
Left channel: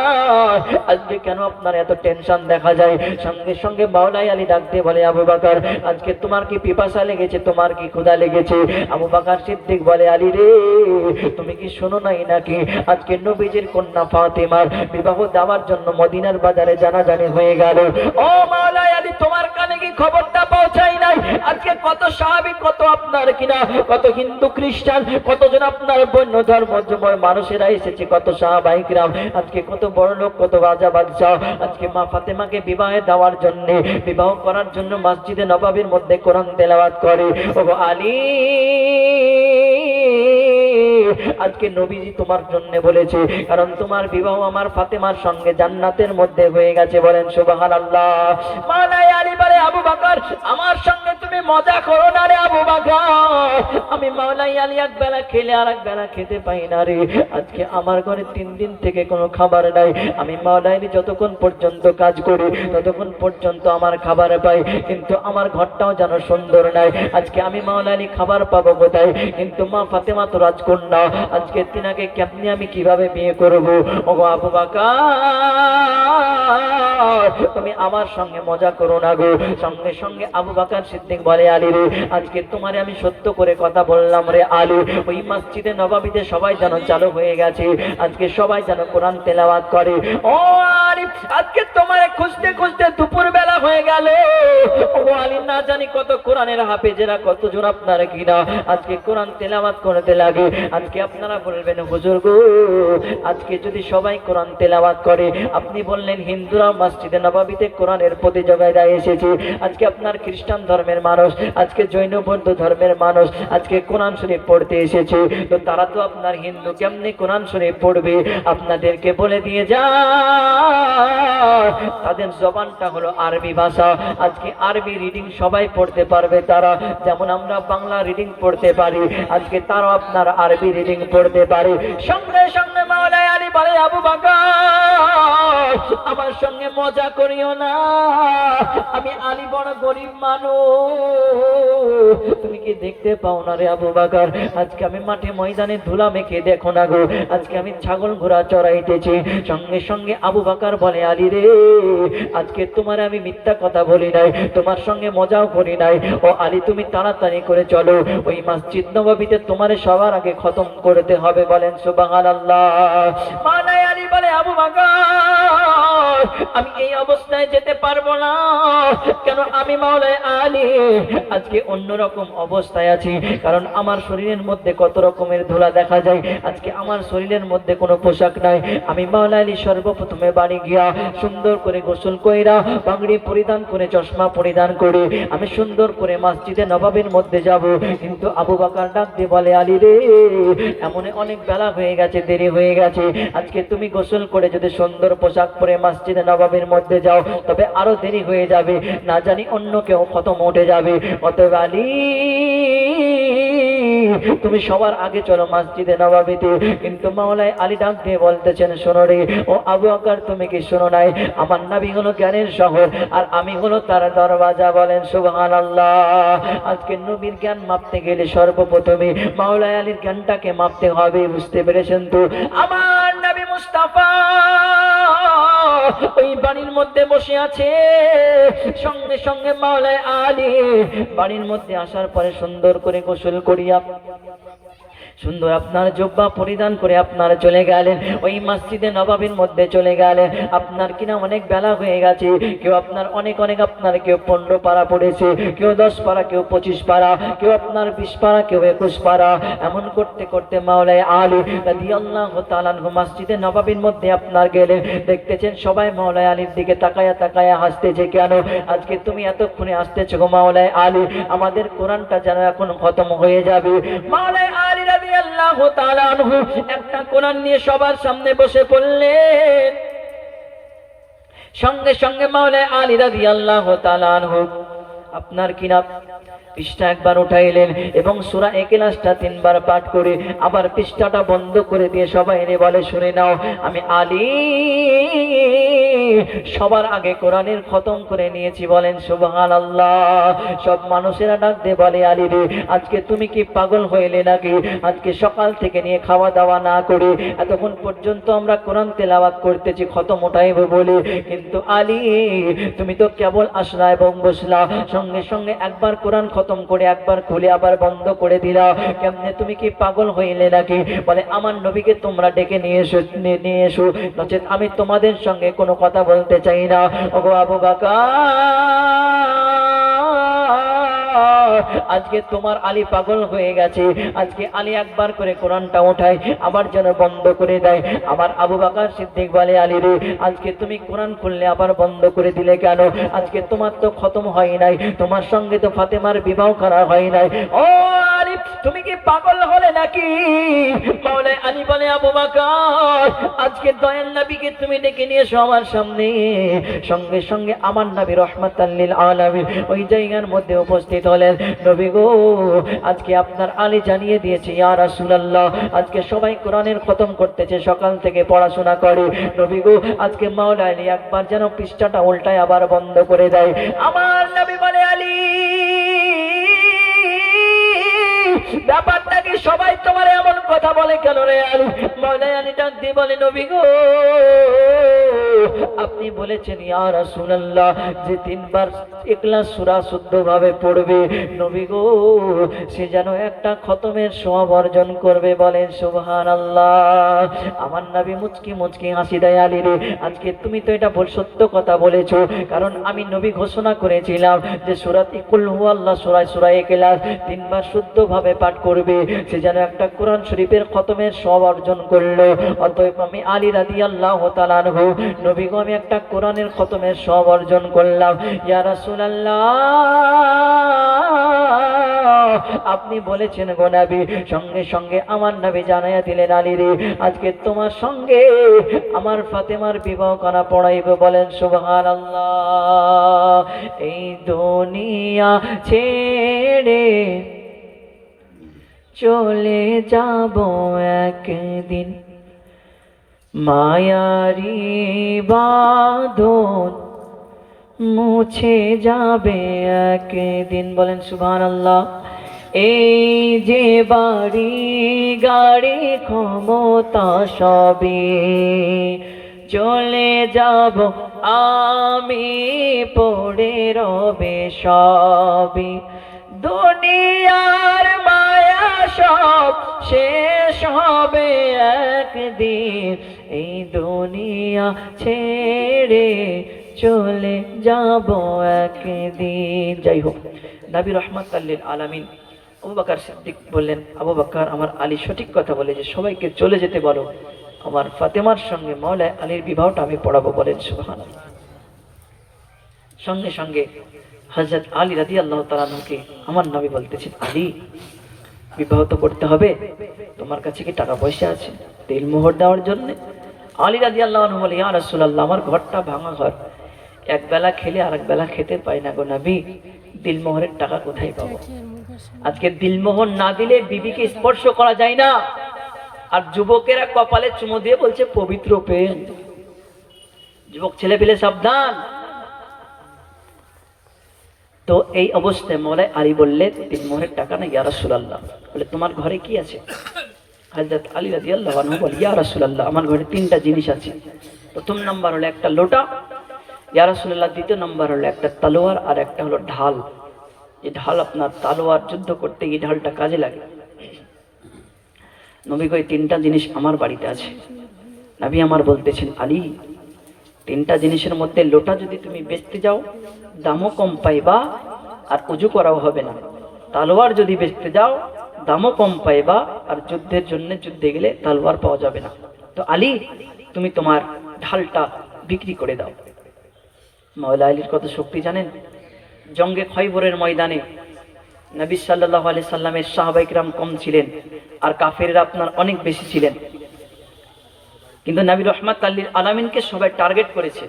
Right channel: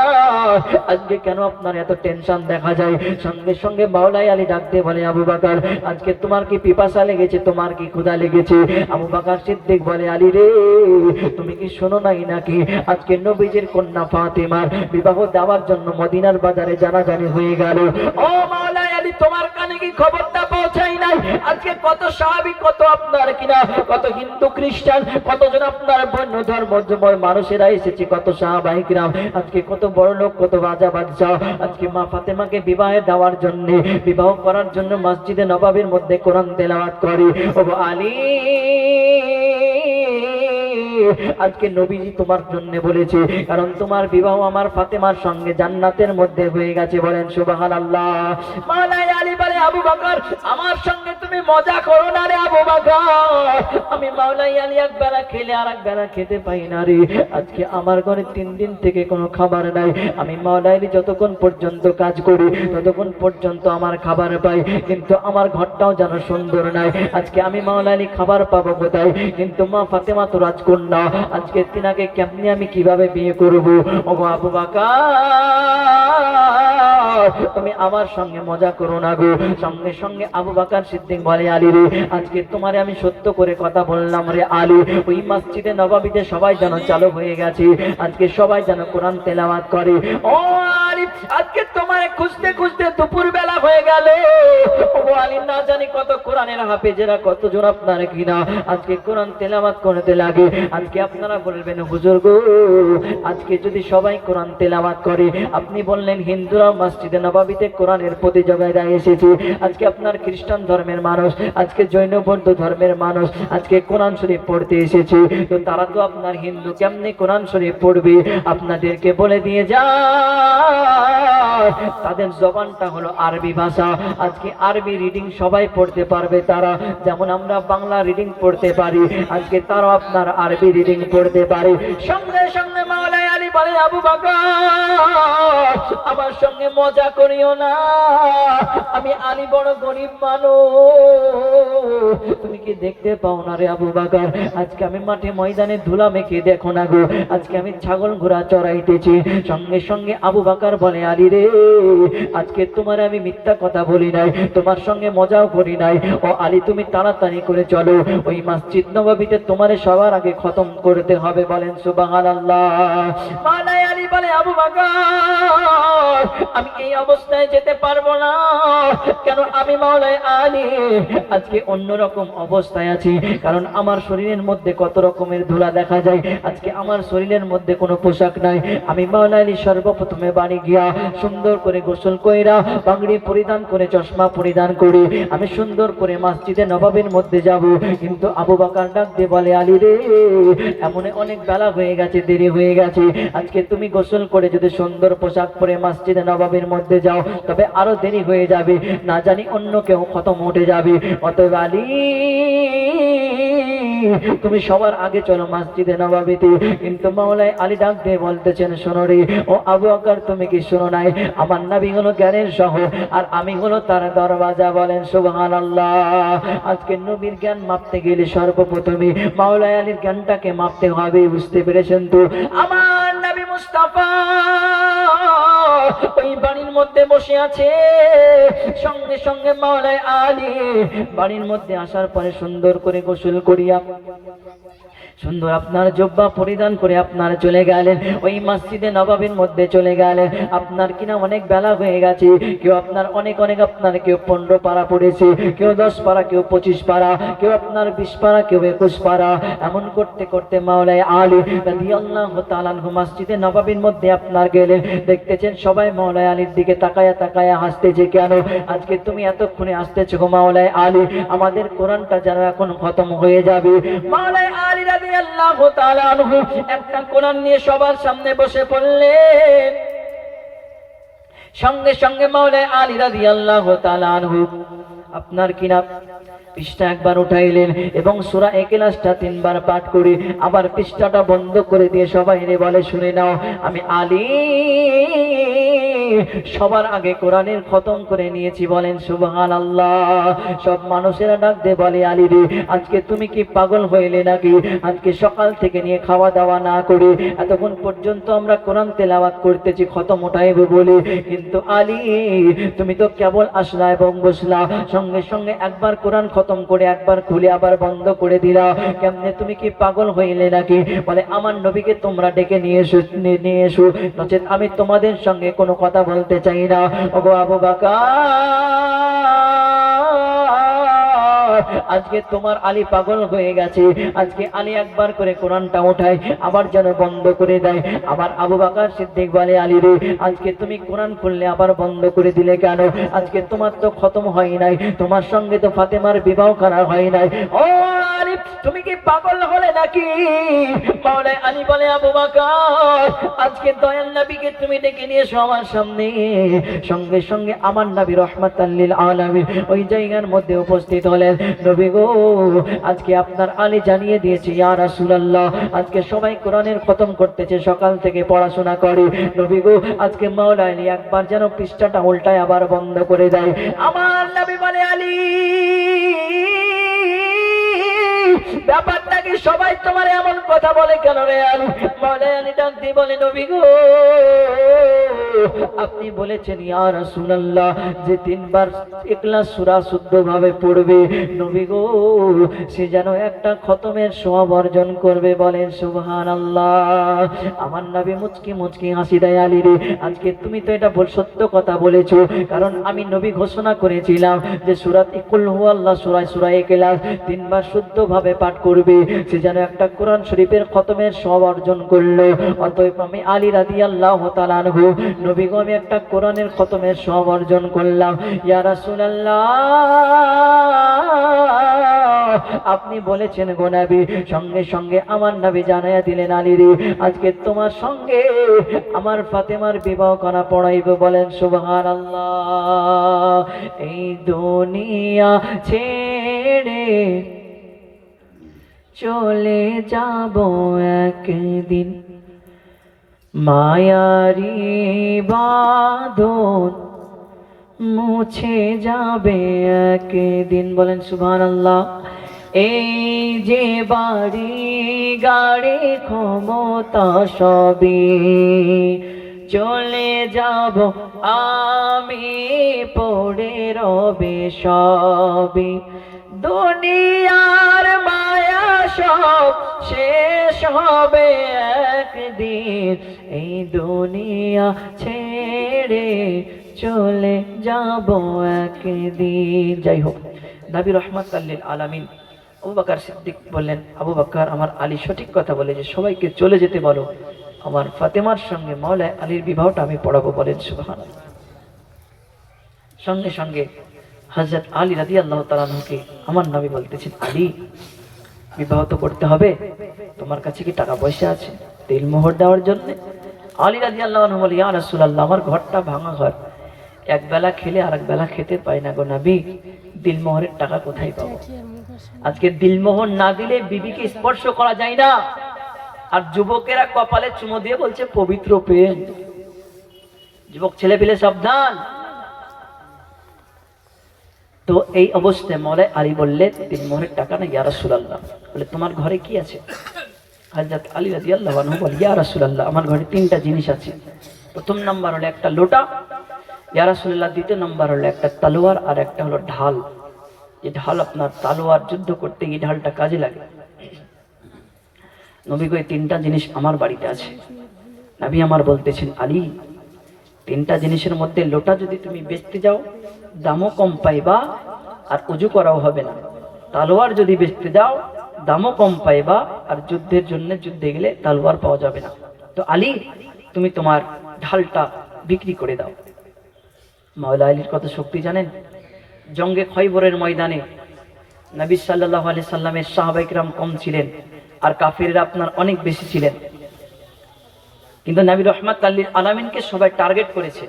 আজকে কেন আপনার এত টেনশন দেখা যায়? সঙ্গে সঙ্গে মাওলাই আলী ডাক দিয়ে বলে, আবু বকর, আজকে তোমার কি পিপাসা লেগেছে, তোমার কি ক্ষুধা লেগেছে? আবু বকর সিদ্দিক বলে, আলী রে, তুমি কি শোনো নাই নাকি আজকে নবীজির কন্যা ফাতেমার বিবাহ দেওয়ার জন্য মদিনার বাজারে জানাজানি হয়ে গেল? ও মাওলাই আলী, তোমার কানে কি খবরটা পৌঁছায় নাই? আজকে কত সাহাবী, কত আপনার কিনা কত হিন্দু খ্রিস্টান, কতজন আপনার বন্য ধর্মময় মানুষেরা এসেছে, কত সাহাবায়ে কিরাম, আজকে কত বড় লোক, কত রাজা বাদশা আজকে মা ফাতেমাকে বিবাহে দেওয়ার জন্য, বিবাহ করার জন্য মসজিদে নববীর মধ্যে কোরআন তেলাওয়াত করে। ও আলী, আজকে নবীজি তোমার জন্য বলেছে, কারণ তোমার বিবাহ আমার ফাতেমার সঙ্গে জান্নাতের মধ্যে হয়ে গেছে। বলেন সুবহানাল্লাহ। মাওলাই আলী বলে, আবু বকর, আমার সঙ্গে তুমি মজা করো না রে আবু বকর, আমি মাওলাই আলী এক বেলা খেলে আর এক বেলা খেতে পাই না রে, আজকে আমার ঘরে 3 দিন থেকে কোনো খাবার নাই, আমি মাওলাই আলী যতক্ষণ পর্যন্ত কাজ করি ততক্ষণ পর্যন্ত আমার খাবার পাই, কিন্তু আমার ঘরটাও যেন সুন্দর নাই, আজকে আমি মাওলাই আলী খাবার পাবো কোথায়? কিন্তু মা ফাতেমা তো রাজকন্যা, আজকে তিনাকে কেমনি আমি কিভাবে বিয়ে করবো? ওগো আবু বকর, তুমি আমার সঙ্গে মজা করো না গো। সঙ্গে সঙ্গে আবু বকর সিদ্দিক বলে, আলী রে, আজকে তোমারে আমি সত্য করে কথা বললাম রে আলী, ওই মসজিদে নববীতে সবাই যেন চালু হয়ে গেছে, আজকে সবাই যেন কোরআন তেলাওয়াত করে। ও আলী, আজকে তোমারে খুঁজতে খুঁজতে দুপুর বেলা হয়ে গেল। ও আলী, না জানি কত কোরআনের হাফেজেরা কতজন আপনার কিনা আজকে কোরআন তেলাওয়াত করতে লাগে। আজকে আপনারা বলবেন, হুজুর গো, আজকে যদি সবাই কোরআন তেলাওয়াত করে, আপনি বললেন হিন্দুরাও মসজিদে নববীতে কোরআনের প্রতিযোগিতায় এসেছে, আজকে আপনার খ্রিস্টান ধর্মের মানুষ, আজকে জৈন বৌদ্ধ ধর্মের মানুষ আজকে কোরআন শরীফ পড়তে এসেছে, তো তারা তো আপনার হিন্দু, কেমনে কোরআন শরীফ পড়বে? আপনাদেরকে বলে দিয়ে যা, তাদের জবানটা হলো আরবি ভাষা, আজকে আরবি রিডিং সবাই পড়তে পারবে তারা, যেমন আমরা বাংলা রিডিং পড়তে পারি, আজকে তারা আপনার আরবি রিডিং পড়তে পারে। সঙ্গে সঙ্গে মাওলাই আলী বলে আবু বকর আমার সঙ্গে মজা করিও না, আমি আলী বড় গরিব মানুষ, তুমি কি দেখতে পাও না রে আবু বকর? আজকে আমি মাঠে ময়দানে ধুলা মেখে দেখো না গো, আজকে আমি ছাগল ঘোড়া চড়াইতেছি। সঙ্গে সঙ্গে আবু বকর বলে আলী রে, আজকে তোমার আমি মিথ্যা কথা বলি নাই, তোমার সঙ্গে মজাও করি নাই। ও আলী তুমি তাড়াতাড়ি করে চলো, ওই মসজিদ নববীতে তোমার সবার আগে খতম করতে হবে। বলেন সুবহানাল্লাহ। মাওলাই আলী বলে আবু বকর আমি এই অবস্থায় যেতে পারবো না। কেন? আমি মাওলাই আলী আজকে অন্যরকম অবস্থায় আছি, কারণ আমার শরীরের মধ্যে কত রকমের ধুলা দেখা যায়, আজকে আমার শরীরের মধ্যে কোনো পোশাক নাই। আমি মাওলাই আলী সর্বপ্রথমে বাড়ি গিয়া সুন্দর করে গোসল কইরা পাগড়ি পরিধান করে চশমা পরিধান করে আমি সুন্দর করে মসজিদে নববীর মধ্যে যাব। কিন্তু আবু বকর ডাক দিয়ে বলে আলী রে, এমন অনেক বেলা হয়ে গেছে, দেরি হয়ে গেছে, আজকে তুমি গোসল করে যদি সুন্দর পোশাক পরে মসজিদে নববীর মধ্যে যাও তবে আরো দেরি হয়ে যাবে, না জানি অন্য কেউ খতম উঠে যাবে। অতএব আলী তুমি সবার আগে চলো মসজিদে নববীতে। কিন্তু মাওলাই আলী ডাক দিয়ে বলতেছেন শোনো রে ও আবু বকর, তুমি কি শোনো নাই আমার নবী হলো জ্ঞানের শহর আর আমি হলো তার দরওয়াজা। বলেন সুবহানাল্লাহ। আজকে নবীর জ্ঞান মাপতে গেলে সর্বপ্রথমে মাওলাই আলীর জ্ঞানটাকে মাপতে হবে, বুঝতে পেরেছেন তো? আমার নবী মুস্তাফা ওই বাড়ির মধ্যে বসে আছে, সঙ্গে সঙ্গে মাওলাই আলী বাড়ির মধ্যে আসার পরে সুন্দর করে গোসল করিয়া সুন্দর আপনার জুব্বা পরিধান করে আপনারা চলে গেলেন ওই মসজিদে নববীর মধ্যে চলে গেলেন। আপনার কিনা অনেক বেলা হয়ে গেছে, কেউ আপনার অনেক অনেক আপনার কেউ 15 পারা পড়েছে, কেউ 10 পারা, কেউ 25 পারা, কেউ আপনার 20 পারা, কেউ 21 পারা। এমন করতে করতে মাওলাই আলী রাদিয়াল্লাহু তাআলা আনহু মসজিদে নববীর মধ্যে আপনার গেলেন, দেখতেছেন সবাই মাওলাই আলীর দিকে তাকায়া তাকায়া হাসতেছে। কেন? আজকে তুমি এতক্ষণে আসতেছো গো মাওলাই আলী, আমাদের কোরআনটা যেন এখন খতম হয়ে যাবে। মাওলাই আলী রাদিয়াল্লাহু তাআলা আনহু একটা কোরআন নিয়ে সবার সামনে বসে পড়লেন। সঙ্গে সঙ্গে মাওলাই আলী রাদিয়াল্লাহু তাআলা আনহু আপনার কিনা পৃষ্ঠা একবার উঠাইলেন এবং সূরা ইখলাসটা 3 বার পাঠ করে আবার পৃষ্ঠাটা বন্ধ করে দিয়ে সবাই বলে শুনে নাও, আমি আলী সবার আগে কোরআনের খতম করে নিয়েছি। বলেন সুবহানাল্লাহ। সব মানুষেরা ডাক দিয়ে বলে আলী রে, আজকে তুমি কি পাগল হইলে নাকি? আজকে সকাল থেকে নিয়ে খাওয়া দাওয়া না করে এতক্ষণ পর্যন্ত আমরা কোরআন তেলাওয়াত করতেছি খতম উঠাইব বলে, কিন্তু আলী তুমি তো কেবল আসলা এবং বসলা, সঙ্গে সঙ্গে একবার কোরআন খতম করে একবার খুলে আবার বন্ধ করে দিলা, কেমনে? তুমি কি পাগল হইলে নাকি? বলে আমার নবীকে তোমরা ডেকে নিয়ে এসো, নচেত আমি তোমাদের সঙ্গে কোনো কথা বলতে চাই না। ওগো আবু বকর, আজকে তোমার আলী পাগল হয়ে গেছে, আজকে আলী একবার করে কোরআনটা উঠায় আবার যেন বন্ধ করে দেয়। আমার আবু বকর সিদ্দিক বলে আলী রে, আজকে তুমি কোরআন খুললে আবার বন্ধ করে দিলে কেন? আজকে তোমার তো খতম হয় নাই, তোমার সঙ্গে তো ফাতেমার বিবাহ করা হয় নাই। ও আলী তুমি কি পাগল হলে নাকি? মাওলাই আলী বলে আবু বকর, আজকে দয়াল নবীকে তুমি ডেকে নিয়ে এসো আমার সামনে। সঙ্গে সঙ্গে আমার নবী রাহমাতাল লিল আলামিন ওই জায়গার মধ্যে উপস্থিত হলেন। নবী গো, আজকে আপনার আলী জানিয়ে দিয়েছে ইয়া রাসূলুল্লাহ, আজকে সবাই কোরআনের খতম করতেছে, সকাল থেকে পড়াশোনা করে। নবী গো, আজকে মাওলাই আলী একবার যেন পৃষ্ঠাটা উল্টায় আবার বন্ধ করে দেয়। আমার নবী বলে আলী ব্যাপারটা কি? সবাই তোমার এমন কথা বলে কেন রে আলী? মাওলাই আলী ডাক দিয়ে বলে নবী গো, আপনি বলেছেন ইয়া রাসূলুল্লাহ যে 3 বার ইখলাস সূরা শুদ্ধভাবে পড়বে, নবী গো সে যেন একটা খতমের সওয়াব অর্জন করবে। বলেন সুবহানাল্লাহ। আমার নবী মুচকি মুচকি হাসি দেয়, আলী রে আজকে তুমি তো এটা সত্য কথা বলেছো, কারণ আমি নবী ঘোষণা করেছিলাম যে সূরা কুল হুয়াল্লাহ সূরা ইখলাস 3 বার শুদ্ধভাবে পাঠ করবে, সে যেন একটা কোরআন শরীফের খতমের সওয়াব অর্জন করলো। অতএব আমি আলী রাদিয়াল্লাহু তাআলা আনহু নবী গো আমি একটা কোরআনের খতমের সওয়াব অর্জন করলাম। ইয়া রাসূলুল্লাহ আপনি বলেছেন গো নবী। সঙ্গে সঙ্গে আমার নবী জানাইয়া দিলেন আলী রে, আজকে তোমার সঙ্গে আমার ফাতেমার বিবাহ করা পড়াইব। বলেন সুবহানাল্লাহ। এই দুনিয়া ছেড়ে চলে যাব একদিন, মায়ারি বাঁধন মুছে যাবে একদিন, বলেন সুবহানাল্লাহ। এই যে বাড়ি গাড়ি ক্ষমতা সবই চলে যাব আমি, পড়ে রবে সবই। দুনিয়ার মায়া সব শেষ হবে একদিন, এই দুনিয়া ছেড়ে চলে যাব একদিন। যাই হোক, নবী রহমাতুল লিল আলামিন আবু বকর সিদ্দিক বললেন, আবু বকর, আমার আলী সঠিক কথা বলে যে সবাইকে চলে যেতে বলো, আমার ফাতেমার সঙ্গে মাওলা আলীর বিবাহটা আমি পড়াবো। বলেন সুবহানাল্লাহ। সঙ্গে সঙ্গে হযরত আলী রাদিয়াল্লাহু তাআলা আনহুকে আমার নবী বলতেছেন, আলী, বিবাহ তো করতে হবে, তোমার কাছে কি টাকা পয়সা আছে তেল মোহর দেওয়ার জন্য? আলী রাদিয়াল্লাহু আনহু বলে, ইয়া রাসূলুল্লাহ, আমার ঘরটা ভাঙা ঘর, এক বেলা খেলে আরেক বেলা খেতে পাই না গো নবী, দিলমোহরের টাকা কোথায় পাবো? আজকে দিলমোহর না দিলে বিবিকে স্পর্শ করা যায় না, আর যুবকেরা কপালে চুমো দিয়ে বলছে পবিত্র প্রেম। যুবক ছেলে পেলে সাবধান। তো এই অবস্থায় মওলা আলী বললেন, দিলমোহরের টাকা না। ইয়া রাসূলুল্লাহ, বলে তোমার ঘরে কি আছে? হযরত আলী রাদিয়াল্লাহু আনহু বলে, ইয়া রাসূলুল্লাহ, আমার ঘরে তিনটা জিনিস আছে। প্রথম নাম্বার হলো একটা লোটা, ইয়া রাসূলুল্লাহ। দ্বিতীয় নাম্বার হলো একটা তলোয়ার, আর একটা হলো ঢাল। এই ঢাল আপনার তলোয়ার যুদ্ধ করতে এই ঢালটা কাজে লাগে। নবী কই, তিনটা জিনিস আমার বাড়িতে আছে। নবী আমার বলতেছেন, আলী, তিনটা জিনিসের মধ্যে লোটা যদি তুমি বেচতে যাও দামও কম পাইবা আর উজু করাও হবে না। তলোয়ার যদি বেচতে যাও দামও কম পাইবা আর যুদ্ধের জন্য যুদ্ধে গেলে তলোয়ার পাওয়া যাবে না। তো আলী, তুমি তোমার ঢালটা বিক্রি করে দাও। মাওলা আলীর কত শক্তি জানেন? জঙ্গে খয়বরের ময়দানে নবী সাল্লাল্লাহু আলাইহি সাল্লামের সাহাবায়ে কিরাম কম ছিলেন আর কাফেররা আপনার অনেক বেশি ছিলেন, কিন্তু নবী রাহমাতুল লিল আলামিনকে সবাই টার্গেট করেছে।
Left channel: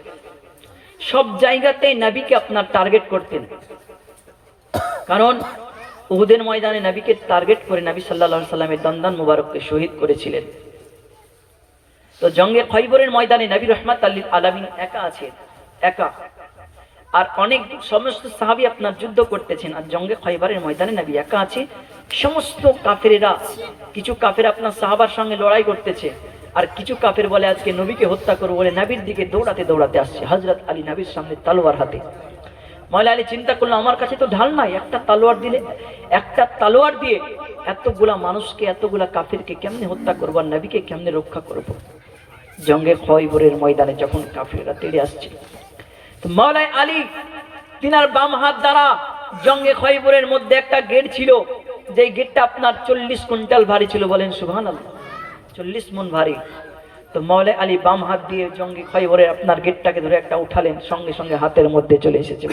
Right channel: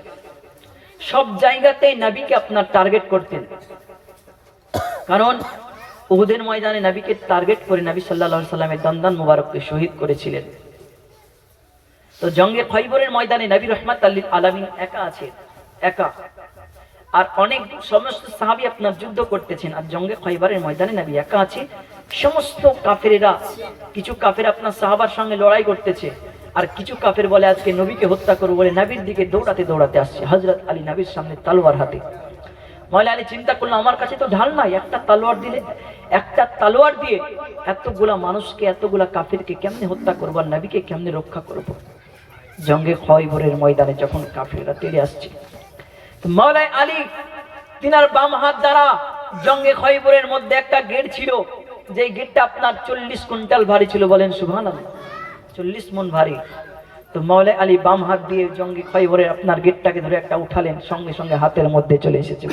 সব জায়গাতেই নবীকে আপনার টার্গেট করতেন, কারণ উহুদের ময়দানে নবীকে টার্গেট করে নবী সাল্লাল্লাহু আলাইহি সাল্লামের দন্দান মুবারককে শহীদ করেছিলেন। তো জঙ্গে খয়বরের ময়দানে নবী রাহমাতুল লিল আলামিন একা আছেন, একা, আর অনেক সমস্ত সাহাবী আপনার যুদ্ধ করতেছেন, আর জঙ্গে খয়বরের ময়দানে নবী একা আছে। সমস্ত কাফেরেরা, কিছু কাফের আপনার সাহাবার সঙ্গে লড়াই করতেছে, আর কিছু কাফের বলে আজকে নবীকে হত্যা করব বলে নবীর দিকে দৌড়াতে দৌড়াতে আসছে। হযরত আলী নবীর সামনে তলোয়ার হাতে। মাওলা আলী চিন্তা করলো, আমার কাছে তো ঢাল নাই, একটা তলোয়ার দিলে, একটা তলোয়ার দিয়ে এতগুলা মানুষকে, এতগুলা কাফেরকে কেমনে হত্যা করব আর নবীকে কেমনে রক্ষা করব? জঙ্গে খয়বরের ময়দানে যখন কাফেররা তেড়ে আসছে, তো মাওলা আলী তিনার বাম হাত দ্বারা জঙ্গে খয়বরের মধ্যে একটা গেট ছিল, যে গেটটা আপনার 40 কুইন্টাল ভারী ছিল। বলেন সুবহানাল্লাহ, 40 মণ ভারী। তো মাওলা আলী বাম হাত দিয়ে জঙ্গে খয়বরের আপনার গেটটাকে ধরে একটা উঠালেন, সঙ্গে সঙ্গে হাতের মধ্যে চলে এসেছে।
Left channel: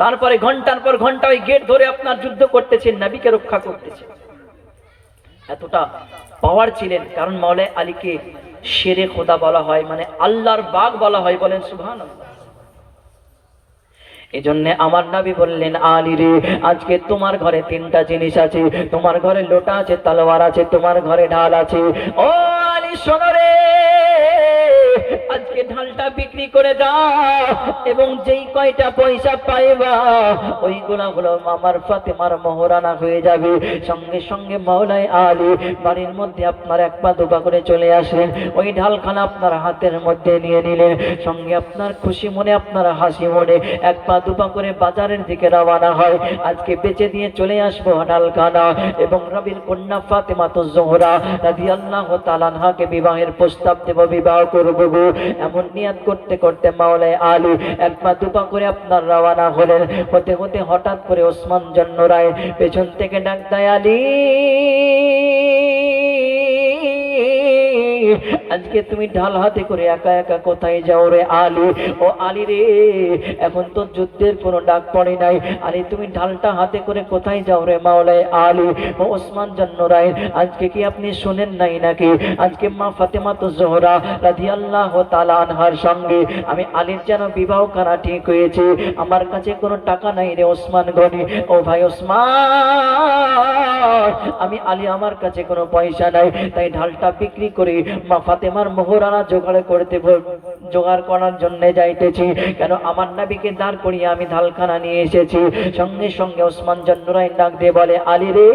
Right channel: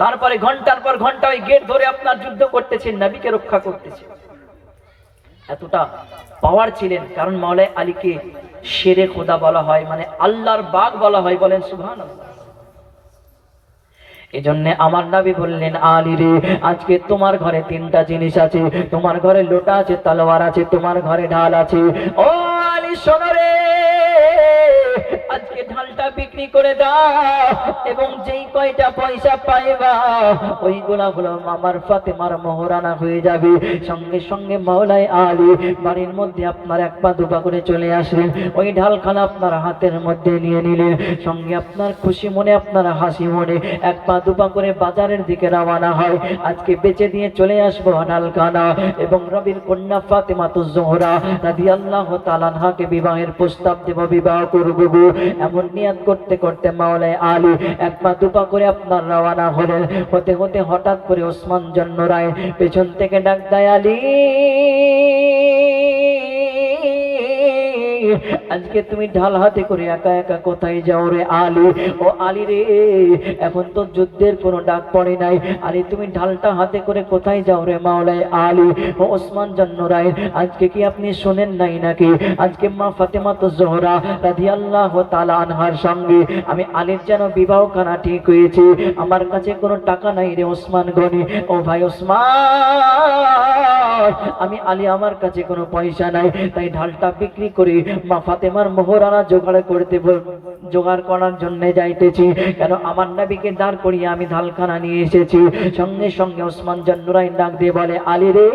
তারপরে ঘন্টার পর ঘন্টা ওই গেট ধরে আপনার যুদ্ধ করতেছেন, নবীকে রক্ষা করতেছে। এতটা পাওয়ার ছিলেন, কারণ মাওলা আলীকে শেরে খোদা বলা হয়, মানে আল্লাহর বাগ বলা হয়। বলেন সুবহানাল্লাহ। এজন্য আমার নবী বললেন, আলী রে, আজকে তোমার ঘরে তিনটা জিনিস আছে, তোমার ঘরে লোটা আছে, তলোয়ার আছে, তোমার ঘরে ঢাল আছে। ও আলী, শোনো রে, আজকে ঢালটা বিক্রি করে দাও এবং যেই কয়টা পয়সা পাইবা ওইগুলা হলো আমার ফাতেমার মোহরানা হয়ে যাবে। সঙ্গে সঙ্গে মাওলাই আলী বাড়ির মধ্যে আপনার এক পা দুপা করে চলে আসলেন, ওই ঢালখানা আপনার হাতের মধ্যে নিয়ে নিলেন। সঙ্গে আপনার খুশি মনে, আপনার হাসি মনে এক পা দুপা করে বাজারের দিকে রওনা হয়। আজকে বেচে দিয়ে চলে আসবো ঢালখানা এবং রবির কন্যা ফাতেমাতুজ জোহরা রাদিয়াল্লাহু তাআলা আনহাকে বিবাহের প্রস্তাব দেব, বিবাহ করব। এমন নিয়ত করতে করতে মাওলাই আলী এক পা দুপা করে আপনার রওনা হলেন। হতে হতে হঠাৎ করে ওসমান জন্নুরায় পেছন থেকে ডাক দেয়, আলী, আজকে তুমি ঢাল হাতে করে একা একা কোথায় যাও রে আলী? ও আলী রে, এখন তো যুদ্ধের কোনো ডাক পড়ে নাই, আলী তুমি ঢালটা হাতে করে কোথায় যাও রে মাওলাই আলী? ও ওসমান জন্নুরায়, আজকে কি আপনি শুনেন নাই নাকি? আজকে মা ফাতেমাতুজ জোহরা রাদিয়াল্লাহু তাআলা আনহার সঙ্গে আমি আলীর যেন বিবাহ করা ঠিক হয়েছে। আমার কাছে কোনো টাকা নাই রে ওসমান গনি। ও ভাই ওসমান, আমি আলী, আমার কাছে কোনো পয়সা নাই, তাই ঢালটা বিক্রি করে মা ফাতেমার মোহরানা জোগাড় করার জন্য যাইতেছি, কেন আমার নবীকে দাঁড় করিয়ে আমি ঢালখানা নিয়ে এসেছি। সঙ্গে সঙ্গে ওসমান জন্নুরাইন ডাক দিয়ে বলে, আলী রে,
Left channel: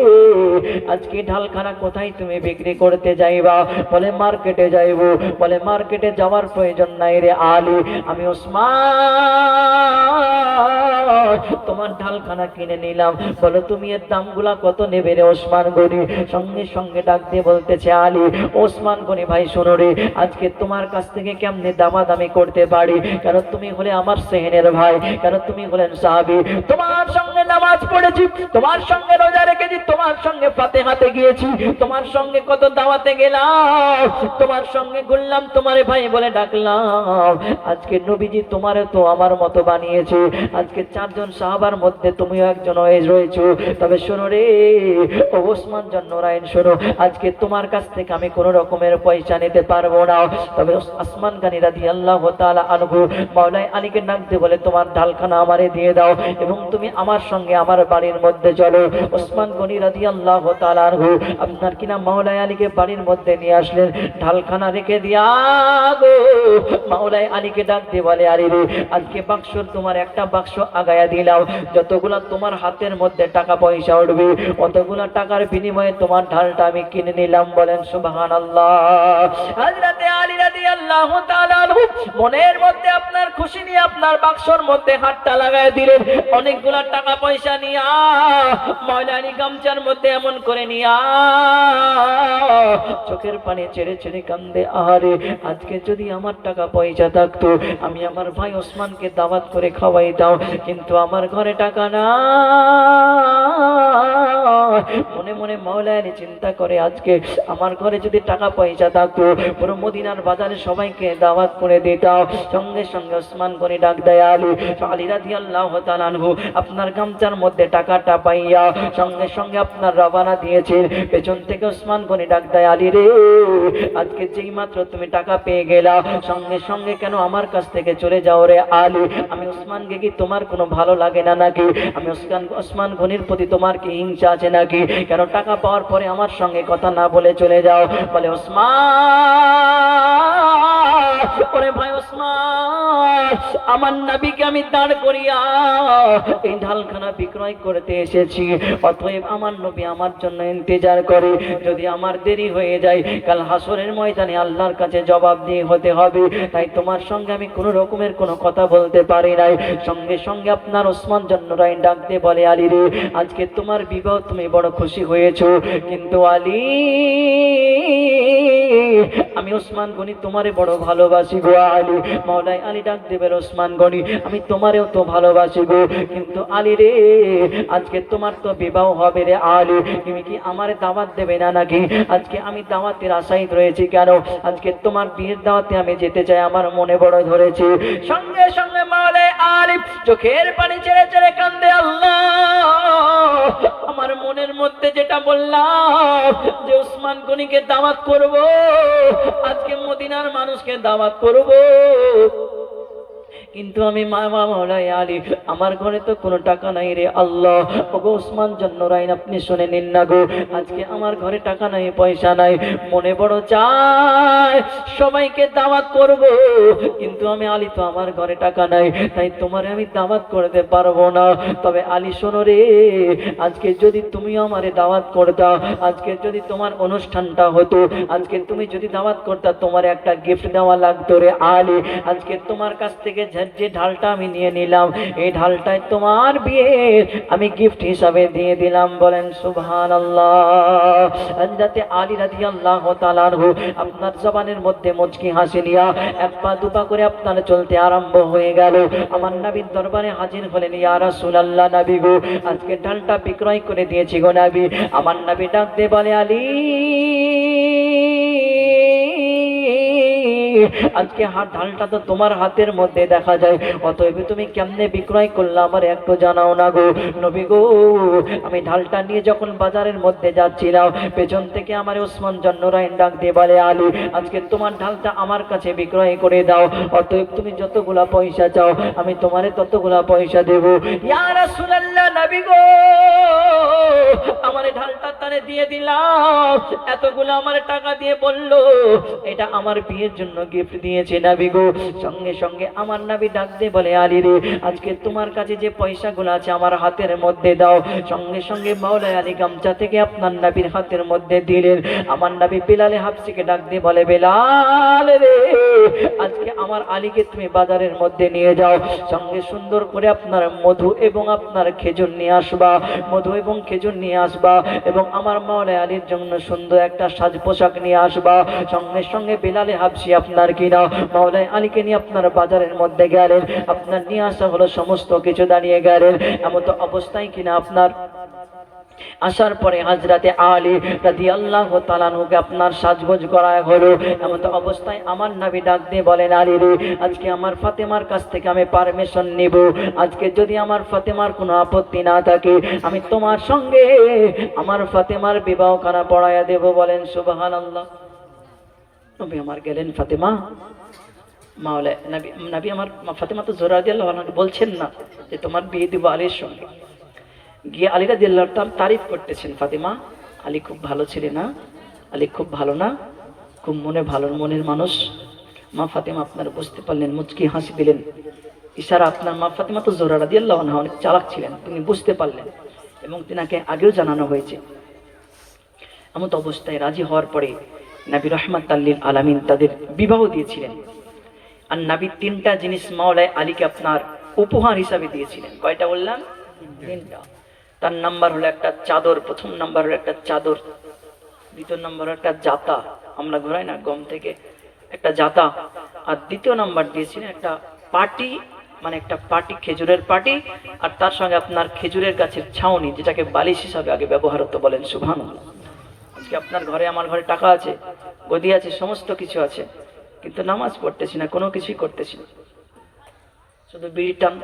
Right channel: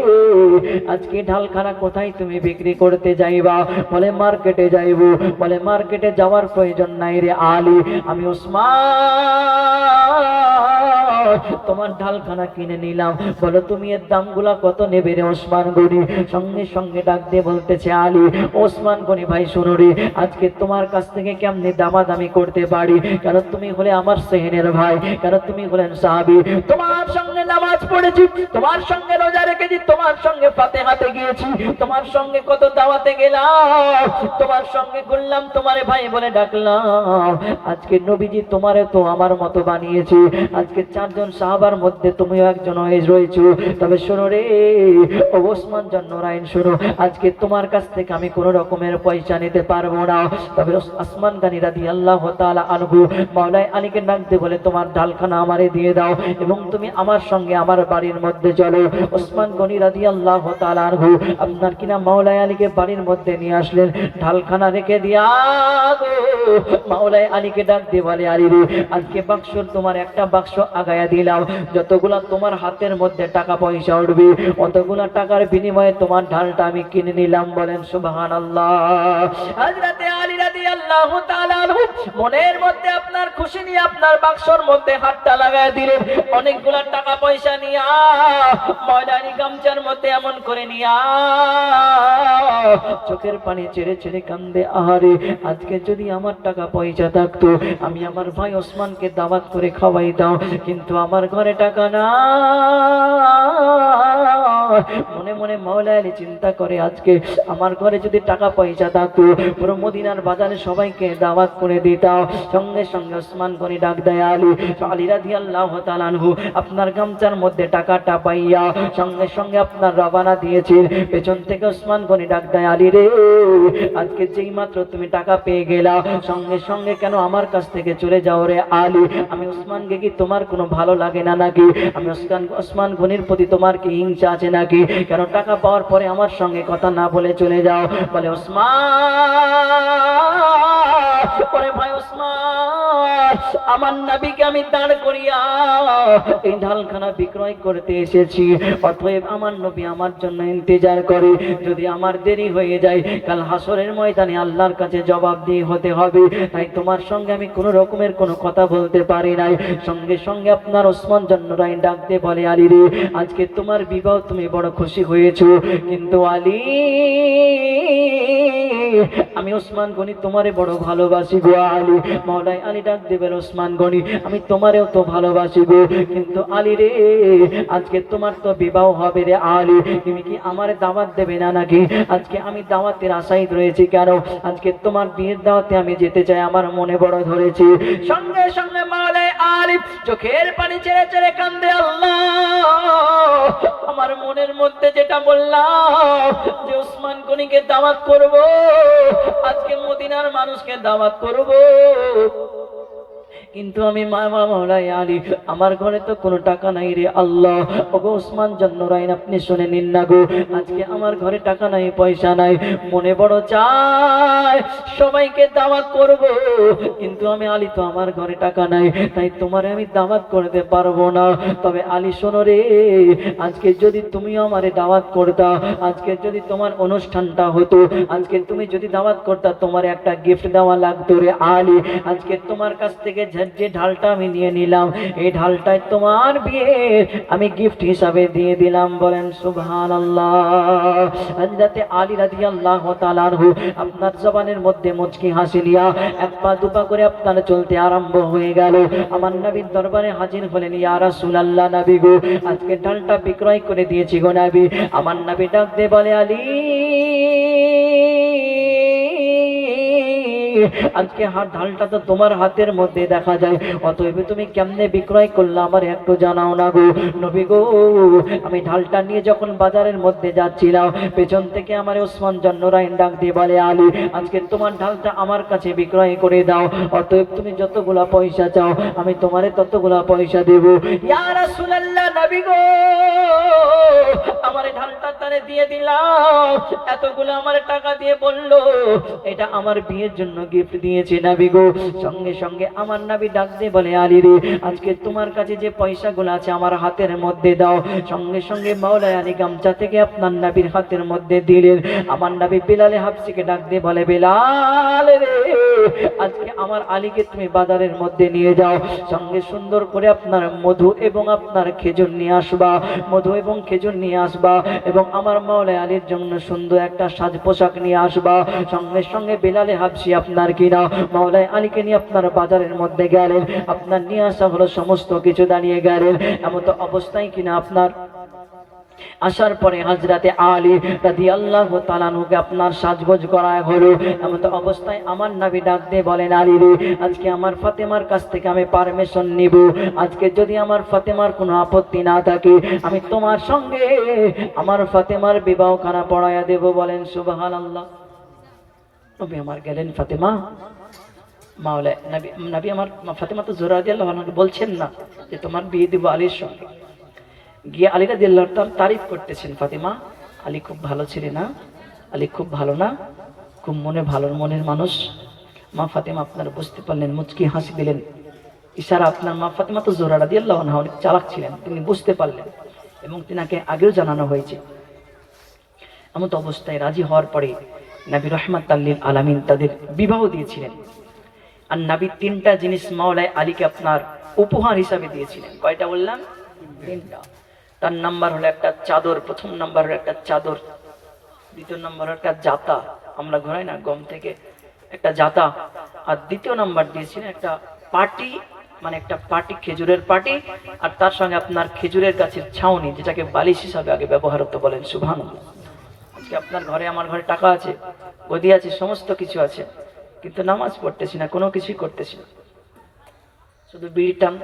আজকে ঢালখানা কোথায় তুমি বিক্রি করতে যাইবা? বলে মার্কেটে যাইব। বলে মার্কেটে যাওয়ার প্রয়োজন নাই রে আলী, আমি ওসমান তোমার ঢালখানা কিনে নিলাম। বলো তুমি এর দামগুলা কত নেবে রে ওসমান গনি? সঙ্গে সঙ্গে ডাক দিয়ে বলতেছে, আলী, ওসমান গনি ভাই শোনো রে, আজকে তোমার কাছ থেকে কেমনি দামাদামি করতে পারি? কেন তুমি হলে আমার সেহেনের ভাই, কেন তুমি হলেন সাহাবী, তোমার সঙ্গে নামাজ পড়েছি, তোমার সঙ্গে রোজা রেখেছি, তোমার সঙ্গে ফাতেহাতে গিয়েছি, তোমার সঙ্গে কত দাওয়াতে গেলাম, তোমার সঙ্গে ঘুরলাম, তোমারে ভাই বলে ডাকলাম। আজকে নবীজি তোমারে তো আমার মতো বানিয়েছে, আজকে চারজন সাহাবার মধ্যে তুমিও একজন হয়ে রয়েছো। তবে শোনো রে ও ওসমান জন্নুরাইন, শোনো, আজকে তোমার কাছ থেকে আমি কোনো রকমের পয়সা নিতে পারবো না। তবে ওসমান গনি রাদিয়াল্লাহু তাআলা আনহু মাওলাই আলীকে ডাক দিয়ে বলে, তোমার ঢালখানা আমারে দিয়ে দাও এবং তুমি আমার সঙ্গে আমার বাড়ির মধ্যে চলো। ওসমান গনি রাদিয়াল্লাহু তাআলা আনহু আপনার কিনা মাওলাই আলীকে বাড়ির মধ্যে নিয়ে আসলেন, ঢালখানা রেখে দিয়া গো মাওলাই আলীকে ডাক দিয়ে বলে, আলী রে, আজকে বাক্স তোমার একটা বাক্স আগায়া দিলাম, যতগুলা তোমার হাতের মধ্যে টাকা পয়সা উঠবে অতগুলা টাকার বিনিময়ে তোমার ঢালটা আমি কিনে নিলাম। বলেন সুবহানাল্লাহ। হযরতে আলী রাদিয়াল্লাহু তাআলা আনহু মনের মধ্যে আপনার খুশি নিয়ে আপনার বাক্সর মধ্যে হাতটা লাগায় দিলেন, অনেকগুলা টাকা পয়সা নিয়া ময়লানি গামছার মধ্যে এমন করে নিয়া চোখের পানি ছেড়ে ছেড়ে কান্দে, আহারে, আজকে যদি আমার টাকা পয়সা থাকতো আমি আমার ভাই ওসমানকে দাওয়াত করে খাওয়াই দাও, কিন্তু আমার ঘরে টাকা না। মনে মনে মাওলা আলী চিন্তা করে, আজকে আমার ঘরে যদি টাকা পয়সা থাকতো পুরো মদিনার বাজারে সবাইকে দাওয়াত করে দিতাম। সঙ্গে সঙ্গে ওসমান গনি ডাক দেয়, আলী, আলী রাদিয়াল্লাহু তাআলা আনহু আপনার গামছার মধ্যে টাকাটা পাইয়া সঙ্গে সঙ্গে আপনার রওনা দিয়েছেন। পেছন থেকে ওসমান গনি ডাক দেয়, আলী রে, আজকে যেই মাত্র তুমি টাকা পেয়ে গেলা সঙ্গে সঙ্গে কেন আমার কাছ থেকে চলে যাও রে আলী? আমি ওসমানকে কি তোমার কোনো ভালো লাগে না নাকি? আমি ওসমান গনির প্রতি তোমার কি হিংসা আছে নাকি? কেন টাকা পাওয়ার পরে আমার সঙ্গে কথা না বলে চলে যাও? বলে, ওসমান, ওরে ভাই ওসমান, আমার নবীকে আমি দাঁড় করিয়া এই ঢালখানা বিক্রয় করতে এসেছি, অতএব আমার নবী আমার জন্য ইন্তজার করে, যদি আমার দেরি হয়ে যায় কাল হাসরের ময়দানে আল্লাহর কাছে জবাব দিয়ে হতে হবে, তাই তোমার সঙ্গে আমি কোনো রকমের কোনো কথা বলতে পারি নাই। সঙ্গে সঙ্গে আপনার ওসমান জন্নুরাইন ডাক দিয়ে বলে, আলী রে, আজকে তোমার বিবাহ তুমি বড় খুশি হয়েছো, কিন্তু আলী, আমি ওসমান গনি তোমারে বড় ভালোবাসি গো আলী। মাওলাই আলী ডাক দেবেন, ওসমান গনি, আমি তোমারেও তো ভালোবাসি গো, কিন্তু আলী রে, আজকে তোমার তো বিবাহ হবে রে আলী, তুমি কি আমার দাওয়াত দেবে না নাকি? আজকে আমি দাওয়াতের আশায় রয়েছি, কেন আজকে তোমার বিয়ের দাওয়াতে আমি যেতে চাই, আমার মনে বড় ধরেছে। সঙ্গে সঙ্গে মাওলাই আলী চোখের পানি ছেড়ে ছেড়ে কান্দে, আল্লাহ, আমার মনের মধ্যে যেটা বললাম যে ওসমান গনিকে দাওয়াত করব, আজকে মদিনার মানুষকে দাওয়াত করব, কিন্তু আমি মাওলাই আলী আমার ঘরে তো কোনো টাকা নাই রে আল্লাহ। ওগো ওসমান জন্নুরাইন, আপনি শুনে নিন না গো, আজকে আমার ঘরে টাকা নাই, পয়সা নাই, মনে বড় চায় সবাইকে দাওয়াত করব, কিন্তু আমি আলী তো আমার ঘরে টাকা নাই, তাই তোমারে আমি দাওয়াত করতে পারবো না। তবে আলী শোনো রে, আজকে যদি তুমি আমারে দাওয়াত করতা, আজকে যদি তোমার অনুষ্ঠানটা হতো, আজকে তুমি যদি দাওয়াত করতা, তোমার একটা গিফট দেওয়া লাগতো রে আলী। আজকে তোমার কাছ থেকে যে ঢালটা আমি নিয়ে নিলাম, এই ঢালটাই তোমার বিয়ে আমি গিফট হিসাবে দিয়ে দিলাম। বলেন সুবহানাল্লাহ। হযরতে আলী রাদিয়াল্লাহু তাআলা আনহু আপনার জবানের মধ্যে মুচকি হাসি নিয়া এক পা দুপা করে আপনার চলতে আরম্ভ হয়ে গেল। আমার নবীর দরবারে হাজির হলেন, ইয়া রাসূলুল্লাহ, নবী গো, আজকে ঢালটা বিক্রয় করে দিয়েছি গো নবী। আমার নবী ডাক দিয়ে বলে, আলী, আজকে ঢালটা তো তোমার হাতের মধ্যে দেখা যায়, অতএব তুমি কেমনে বিক্রয় করলে আমার একটু জানাও না গো নবী গো। আমি ঢালটা নিয়ে যখন বাজারের মধ্যে যাচ্ছিলাম, পেছন থেকে আমার ওসমান জন্নুরাইন ডাক দিয়ে বলে, আলী আজকে তোমার ঢালটা আমার কাছে বিক্রয় করে দাও, অতএব তুমি যতগুলা পয়সা চাও আমি তোমারে ততগুলা পয়সা দেব। ইয়া রাসূলুল্লাহ, নবী গো আমার ঢালটা তারে দিয়ে দিলাম, এতগুলো আমার টাকা দিয়ে বললো এটা আমার বিয়ের জন্য গিফট দিয়েছে নবী গো। সঙ্গে সঙ্গে আমার নবী ডাক দিয়ে বলে, আলী রে আজকে তোমার কাছে যে পয়সাগুলো আছে আমার হাতের মধ্যে দাও। সঙ্গে সঙ্গে মাওলা আলী গামছা থেকে আপনার নবীর হাতের মধ্যে দিলেন। আমার নবী বেলালে হাফসিকে ডাক দিয়ে বলে, বেলাল রে আজকে আমার আলীকে তুমি বাজারের মধ্যে নিয়ে যাও, সঙ্গে সুন্দর করে আপনার মধু এবং আপনার খেজুর নিয়ে আসবা, মধু এবং খেজুর নিয়ে আসবা, এবং আমার মাওলা আলীর জন্য সুন্দর একটা সাজ পোশাক নিয়ে আসবা। সঙ্গে সঙ্গে বেলালে হাফসি আপনার কিনা মাওলা আলীকে নিয়ে আপনার বাজারের মধ্যে গেলেন, আপনার নিয়ে আসা হলো সমস্ত কিছু দাঁড়িয়ে গেলেন। এমন তো অবস্থায় কিনা আপনার আসার পরে হযরতে আলী রাদিয়াল্লাহু তাআলা আনহুকে আপনার সাজগোজ করা হলো। এমন অবস্থায় আমার নবী ডাক দিয়ে বলেন, আলী রে আজকে আমার ফাতেমার কাছ থেকে আমি পারমিশন নিব, আজকে যদি আমার ফাতেমার কোনো আপত্তি না থাকে আমি তোমার সঙ্গে আমার ফাতেমার বিবাহখানা পড়ায়া দেব। বলেন সুবহানাল্লাহ। নবী আমার গেলেন ফাতেমা, মাওলা নবী আমার ফাতেমা তো জোহরা রাদিয়াল্লাহু আনহা বলছেন না যে তোমার বিয়ে দিব আলীর সঙ্গে, গিয়ে আলী রাদিয়াল্লাহু তাআলা তারিফ করতেছেন, ফাতেমা আলী খুব ভালো ছেলে না, আলী খুব ভালো না, খুব ভালো মনের মানুষ। মা ফাতেমা আপনারা বুঝতে পারলেন, মুচকি হাসি দিলেন, ইশারা আপনার মা ফাতেমা তো জোহরা রাদিয়াল্লাহু আনহা অনেক চালাক ছিলেন, তিনি বুঝতে পারলেন এবং তিনাকে আগেও জানানো হয়েছে। এমন অবস্থায় রাজি হওয়ার পরে নবী রাহমাতাল লিল আলামিন তাদের বিবাহ দিয়েছিলেন। আর নবী তিনটা জিনিস মাওলা আলীকে আপনার উপহার হিসাবে দিয়েছিলেন। কয়টা বললাম? তিনটা। তার নাম্বার হলো একটা চাদর, প্রথম নাম্বার হলো একটা চাদর, দ্বিতীয় নাম্বার একটা জাতা, আমরা ঘোরাই না গম থেকে একটা জাতা, আর দ্বিতীয় নাম্বার দিয়েছিলেন একটা পাটি, মানে একটা পাটি, খেজুরের পাটি, আর তার সঙ্গে আপনার খেজুরের গাছের ছাউনি, যেটাকে বালিশ হিসাবে আগে ব্যবহার হতো। বলেন সুবহানাল্লাহ। আজকে আপনার ঘরে আমার ঘরে টাকা আছে, গদি আছে, সমস্ত কিছু আছে, কিন্তু নামাজ পড়তেছি না, কোনো কিছুই করতেছি না, শুধু বিড়ি টান,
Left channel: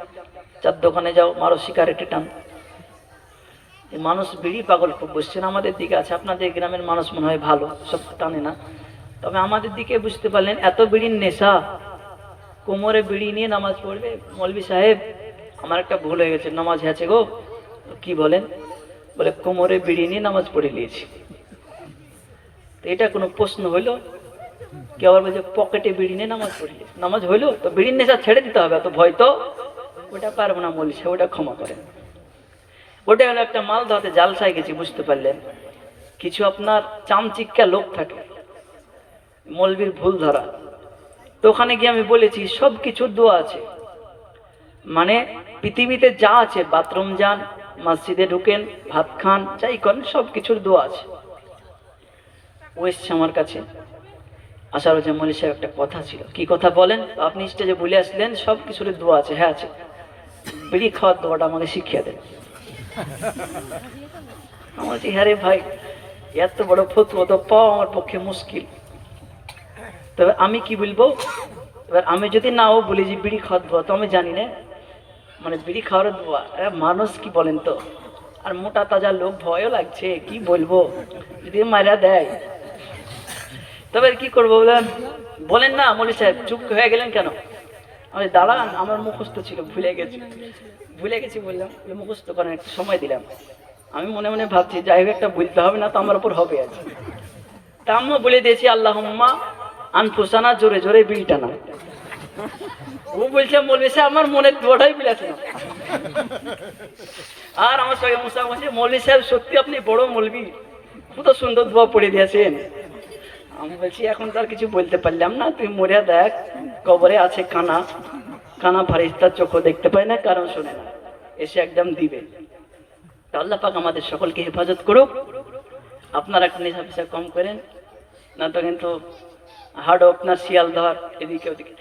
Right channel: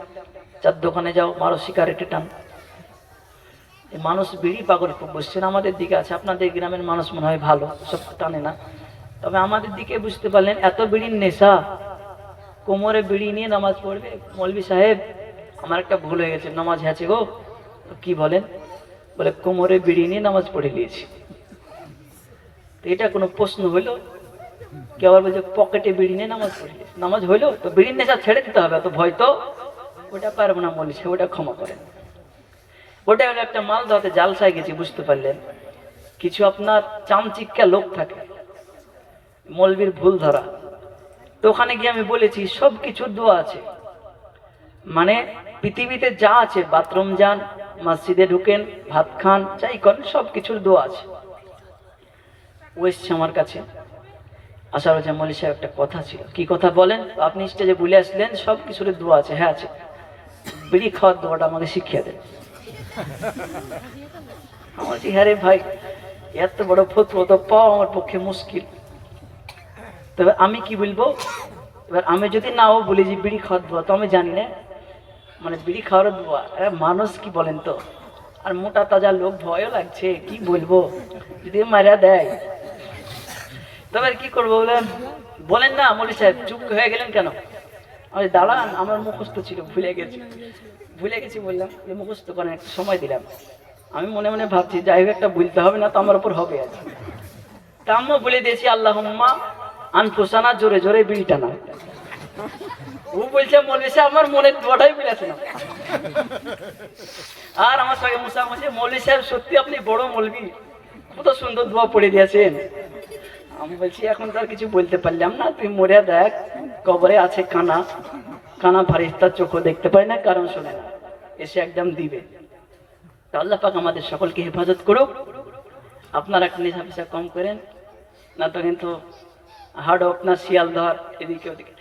চার দোকানে যাও মারো সিগারেটে টান। মানুষ বিড়ি পাগল খুব বসছেন, আমাদের দিকে আছে, আপনাদের গ্রামের মানুষ মনে হয় ভালো, সব টানে না, তবে আমাদের দিকে বুঝতে পারলেন এত বিড়ির নেশা, কোমরে বিড়ি নিয়ে নামাজ পড়বে। মৌলভী সাহেব আমার একটা ভুল হয়ে গেছে, নামাজ আছে গো। কি বলেন? বলে কোমরে বিড়ি নিয়ে নামাজ পড়ে নিয়েছি। তো এটা কোনো প্রশ্ন হইলো? কেউ আবার বলছে পকেটে বিড়ি নিয়ে নামাজ পড়লে নামাজ হইলো? তো বিড়ির নেশা ছেড়ে দিতে হবে, এত ভয় তো ওটা পারবো না মৌলভী সাহেব, ওটা ক্ষমা করেন। ওটা হলো একটা মাল ধরতে জালসায় গেছি, বুঝতে পারলেন কিছু আপনার চামচিক্কা লোক থাকে, মৌলবীর ভুল ধরা, তো ওখানে গিয়ে আমি বলেছি সব কিছুর দোয়া আছে, মানে পৃথিবীতে যা আছে, বাথরুম যান, মসজিদে ঢুকেন, ভাত খান, যাই করেন, সব কিছুর দোয়া আছে। ও এসছে আমার কাছে, আসার হচ্ছে মৌলভী সাহেব একটা কথা ছিল। কি কথা বলেন? আপনি স্টেজে বলে আসলেন সব কিছুর দোয়া আছে। হ্যাঁ আছে, বিড়ি খাওয়ার দোয়াটা আমাকে শিখিয়ে দেন। বলছি হ্যাঁ রে ভাই, এত বড় ফতোয়া তো পাওয়া আমার পক্ষে মুশকিল, তবে আমি কি বলবো, এবার আমি যদি নাও বলি যে বিড়ি খাওয়ার দোয়া, তো আমি জানি না মানে বিড়ি খাওয়ার দোয়া, মানুষ কি বলেন তো, আর মোটা তাজা লোক, ভয়ও লাগছে, কি বলবো যদি মারা দেয়, তবে কি করবো বলেন না। মৌলভী সাহেব চুপ হয়ে গেলেন কেন? আমি দাঁড়ান, আমার মুখস্থ ছিল, ভুলে গেছি বললাম, মুখস্থ করেন, একটু সময় দিলাম। আমি মনে মনে ভাবছি যাই হোক একটা বলতে হবে না তো আমার উপর হবে আজ, তা আমি বলে দিয়েছি আল্লাহুম্মা আনফুসানা, জোরে জোরে বিড়ি টানা। ও বলছে মৌলভী সাহেব আমার মনের দোয়াটাই মিলেছে না। আর আমার সঙ্গে মুসা বলছে মৌলভী সাহেব সত্যি আপনি বড় মৌলভী, কত সুন্দর দোয়া পড়ে দিয়েছেন। আমি বলছি এখন তার কিছু বলতে পারলাম না, তুই মরে দেখ, কবরে আছে কানা, কানা ফারিস্তার চোখও দেখতে পায় না, কারণ শোনে না, এসে একদম দিবে। আল্লাহ পাক আমাদের সকলকে হেফাজত করো। আপনারা একটু নেশা ফেশা কম করেন, না তো কিন্তু হাড় আপনার শিয়ালদহ এদিকে ওদিকে।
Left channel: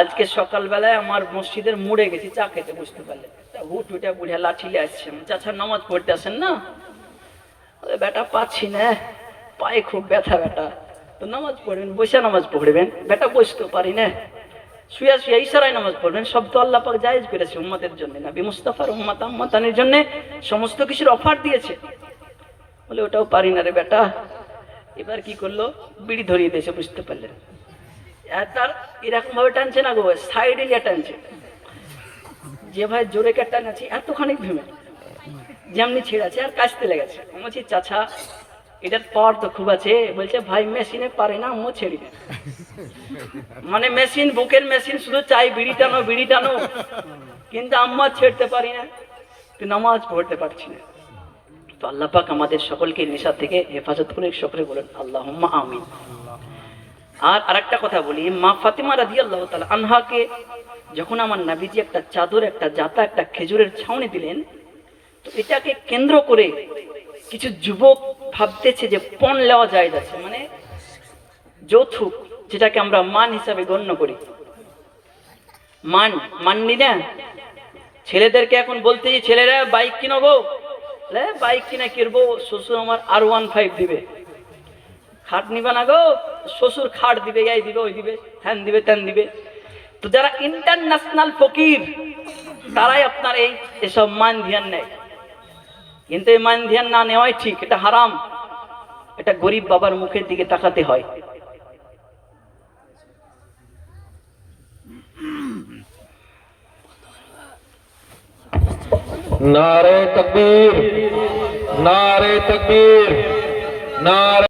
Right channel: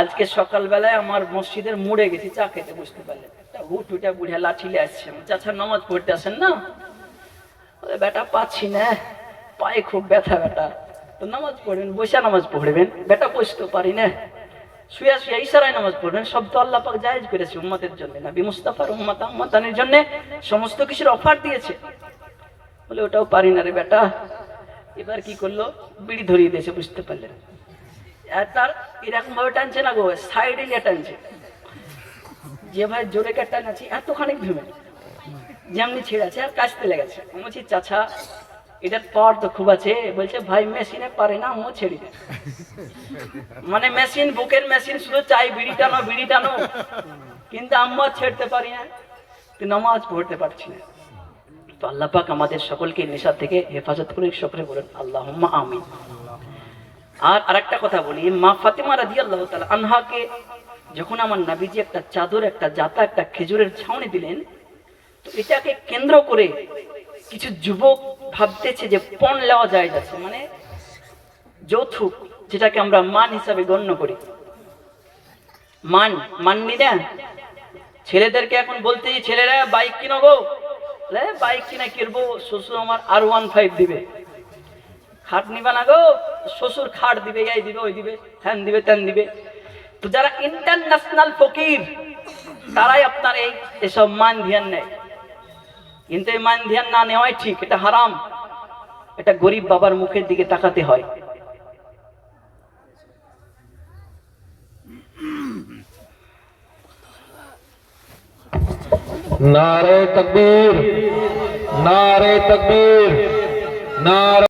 আজকে সকালবেলায় আমার মসজিদের মোড়ে গেছি চা খেতে, বুঝতে পারলেন, হুটুটা বুড়িয়া লাঠিলে আসছেন, চাচা নামাজ পড়তে আসেন না? বেটা পাচ্ছি না, পায়ে খুব ব্যথা বেটা, তো নামাজ পড়বেন, বসে নামাজ পড়বেন, বেটা বসতে পারি না, শুয়া শুয়া ইশারায় নামাজ পড়বেন, সব তো আল্লাহ পাক জায়েজ করেছে উম্মতের জন্য, নবী মুস্তাফার উম্মতানের জন্য সমস্ত কিছুর অফার দিয়েছে। বলে ওটাও পারি না রে বেটা। এবার কি করলো, বিড়ি ধরিয়ে দিয়েছে, বুঝতে পারলেন। আর তার এরকম ভাবে টানছে না গো, সাইডে গিয়ে টানছে, যে ভাই জোরে কে টানছি এতখানি ভেবে যেমনি ছেড়েছে আর কাশতে লেগেছে। আমি বলছি চাচা এটার পাওয়ার তো খুব আছে। বলছে ভাই মেশিনে পারে না, মো ছেড়ে দেয়। মানে মেশিন, বুকের মেশিন শুধু চাই বিড়ি টানো বিড়ি টানো, কিন্তু আম্মা ছেড়তে পারি না, নামাজ পড়তে পারছি না। তো আল্লাহ পাক আমাদের সকলকে নেশা থেকে হেফাজত করে, সকলে বলুন আল্লাহুম্মা আমিন। আর আরেকটা কথা বলি, মা ফাতিমা রাদিয়াল্লাহু তাআলা আনহাকে যখন আমার নবীজি একটা চাদর, একটা জাতা, একটা খেজুরের ছাউনি দিলেন, তো এটাকে কেন্দ্র করে কিছু যুবক ভাবতেছে যে পণ নেওয়া যায় যাচ্ছে, মানে যৌতুক, যেটাকে আমরা মান হিসাবে গণ্য করি। মাননি না, ছেলেদেরকে এখন বলতে যে ছেলেরা বাইক কিনবো, বাইক কিনা কিনবো, শ্বশুর আমার R15 দিবে। খাট নিবা না গো, শ্বশুর খাট দিবে, এই দিবে, ওই দিবে, ফ্যান দিবে, ত্যান দিবে। তো যারা ইন্টারন্যাশনাল ফকির, তারাই আপনার এসব মান ধ্যান নেয়। কিন্তু এই মান ধ্যান না নেওয়াই ঠিক, এটা হারাম। এটা গরিব বাবার মুখের দিকে তাকাতে হয়। नारे तकबीर, नारे तकबीर, नारे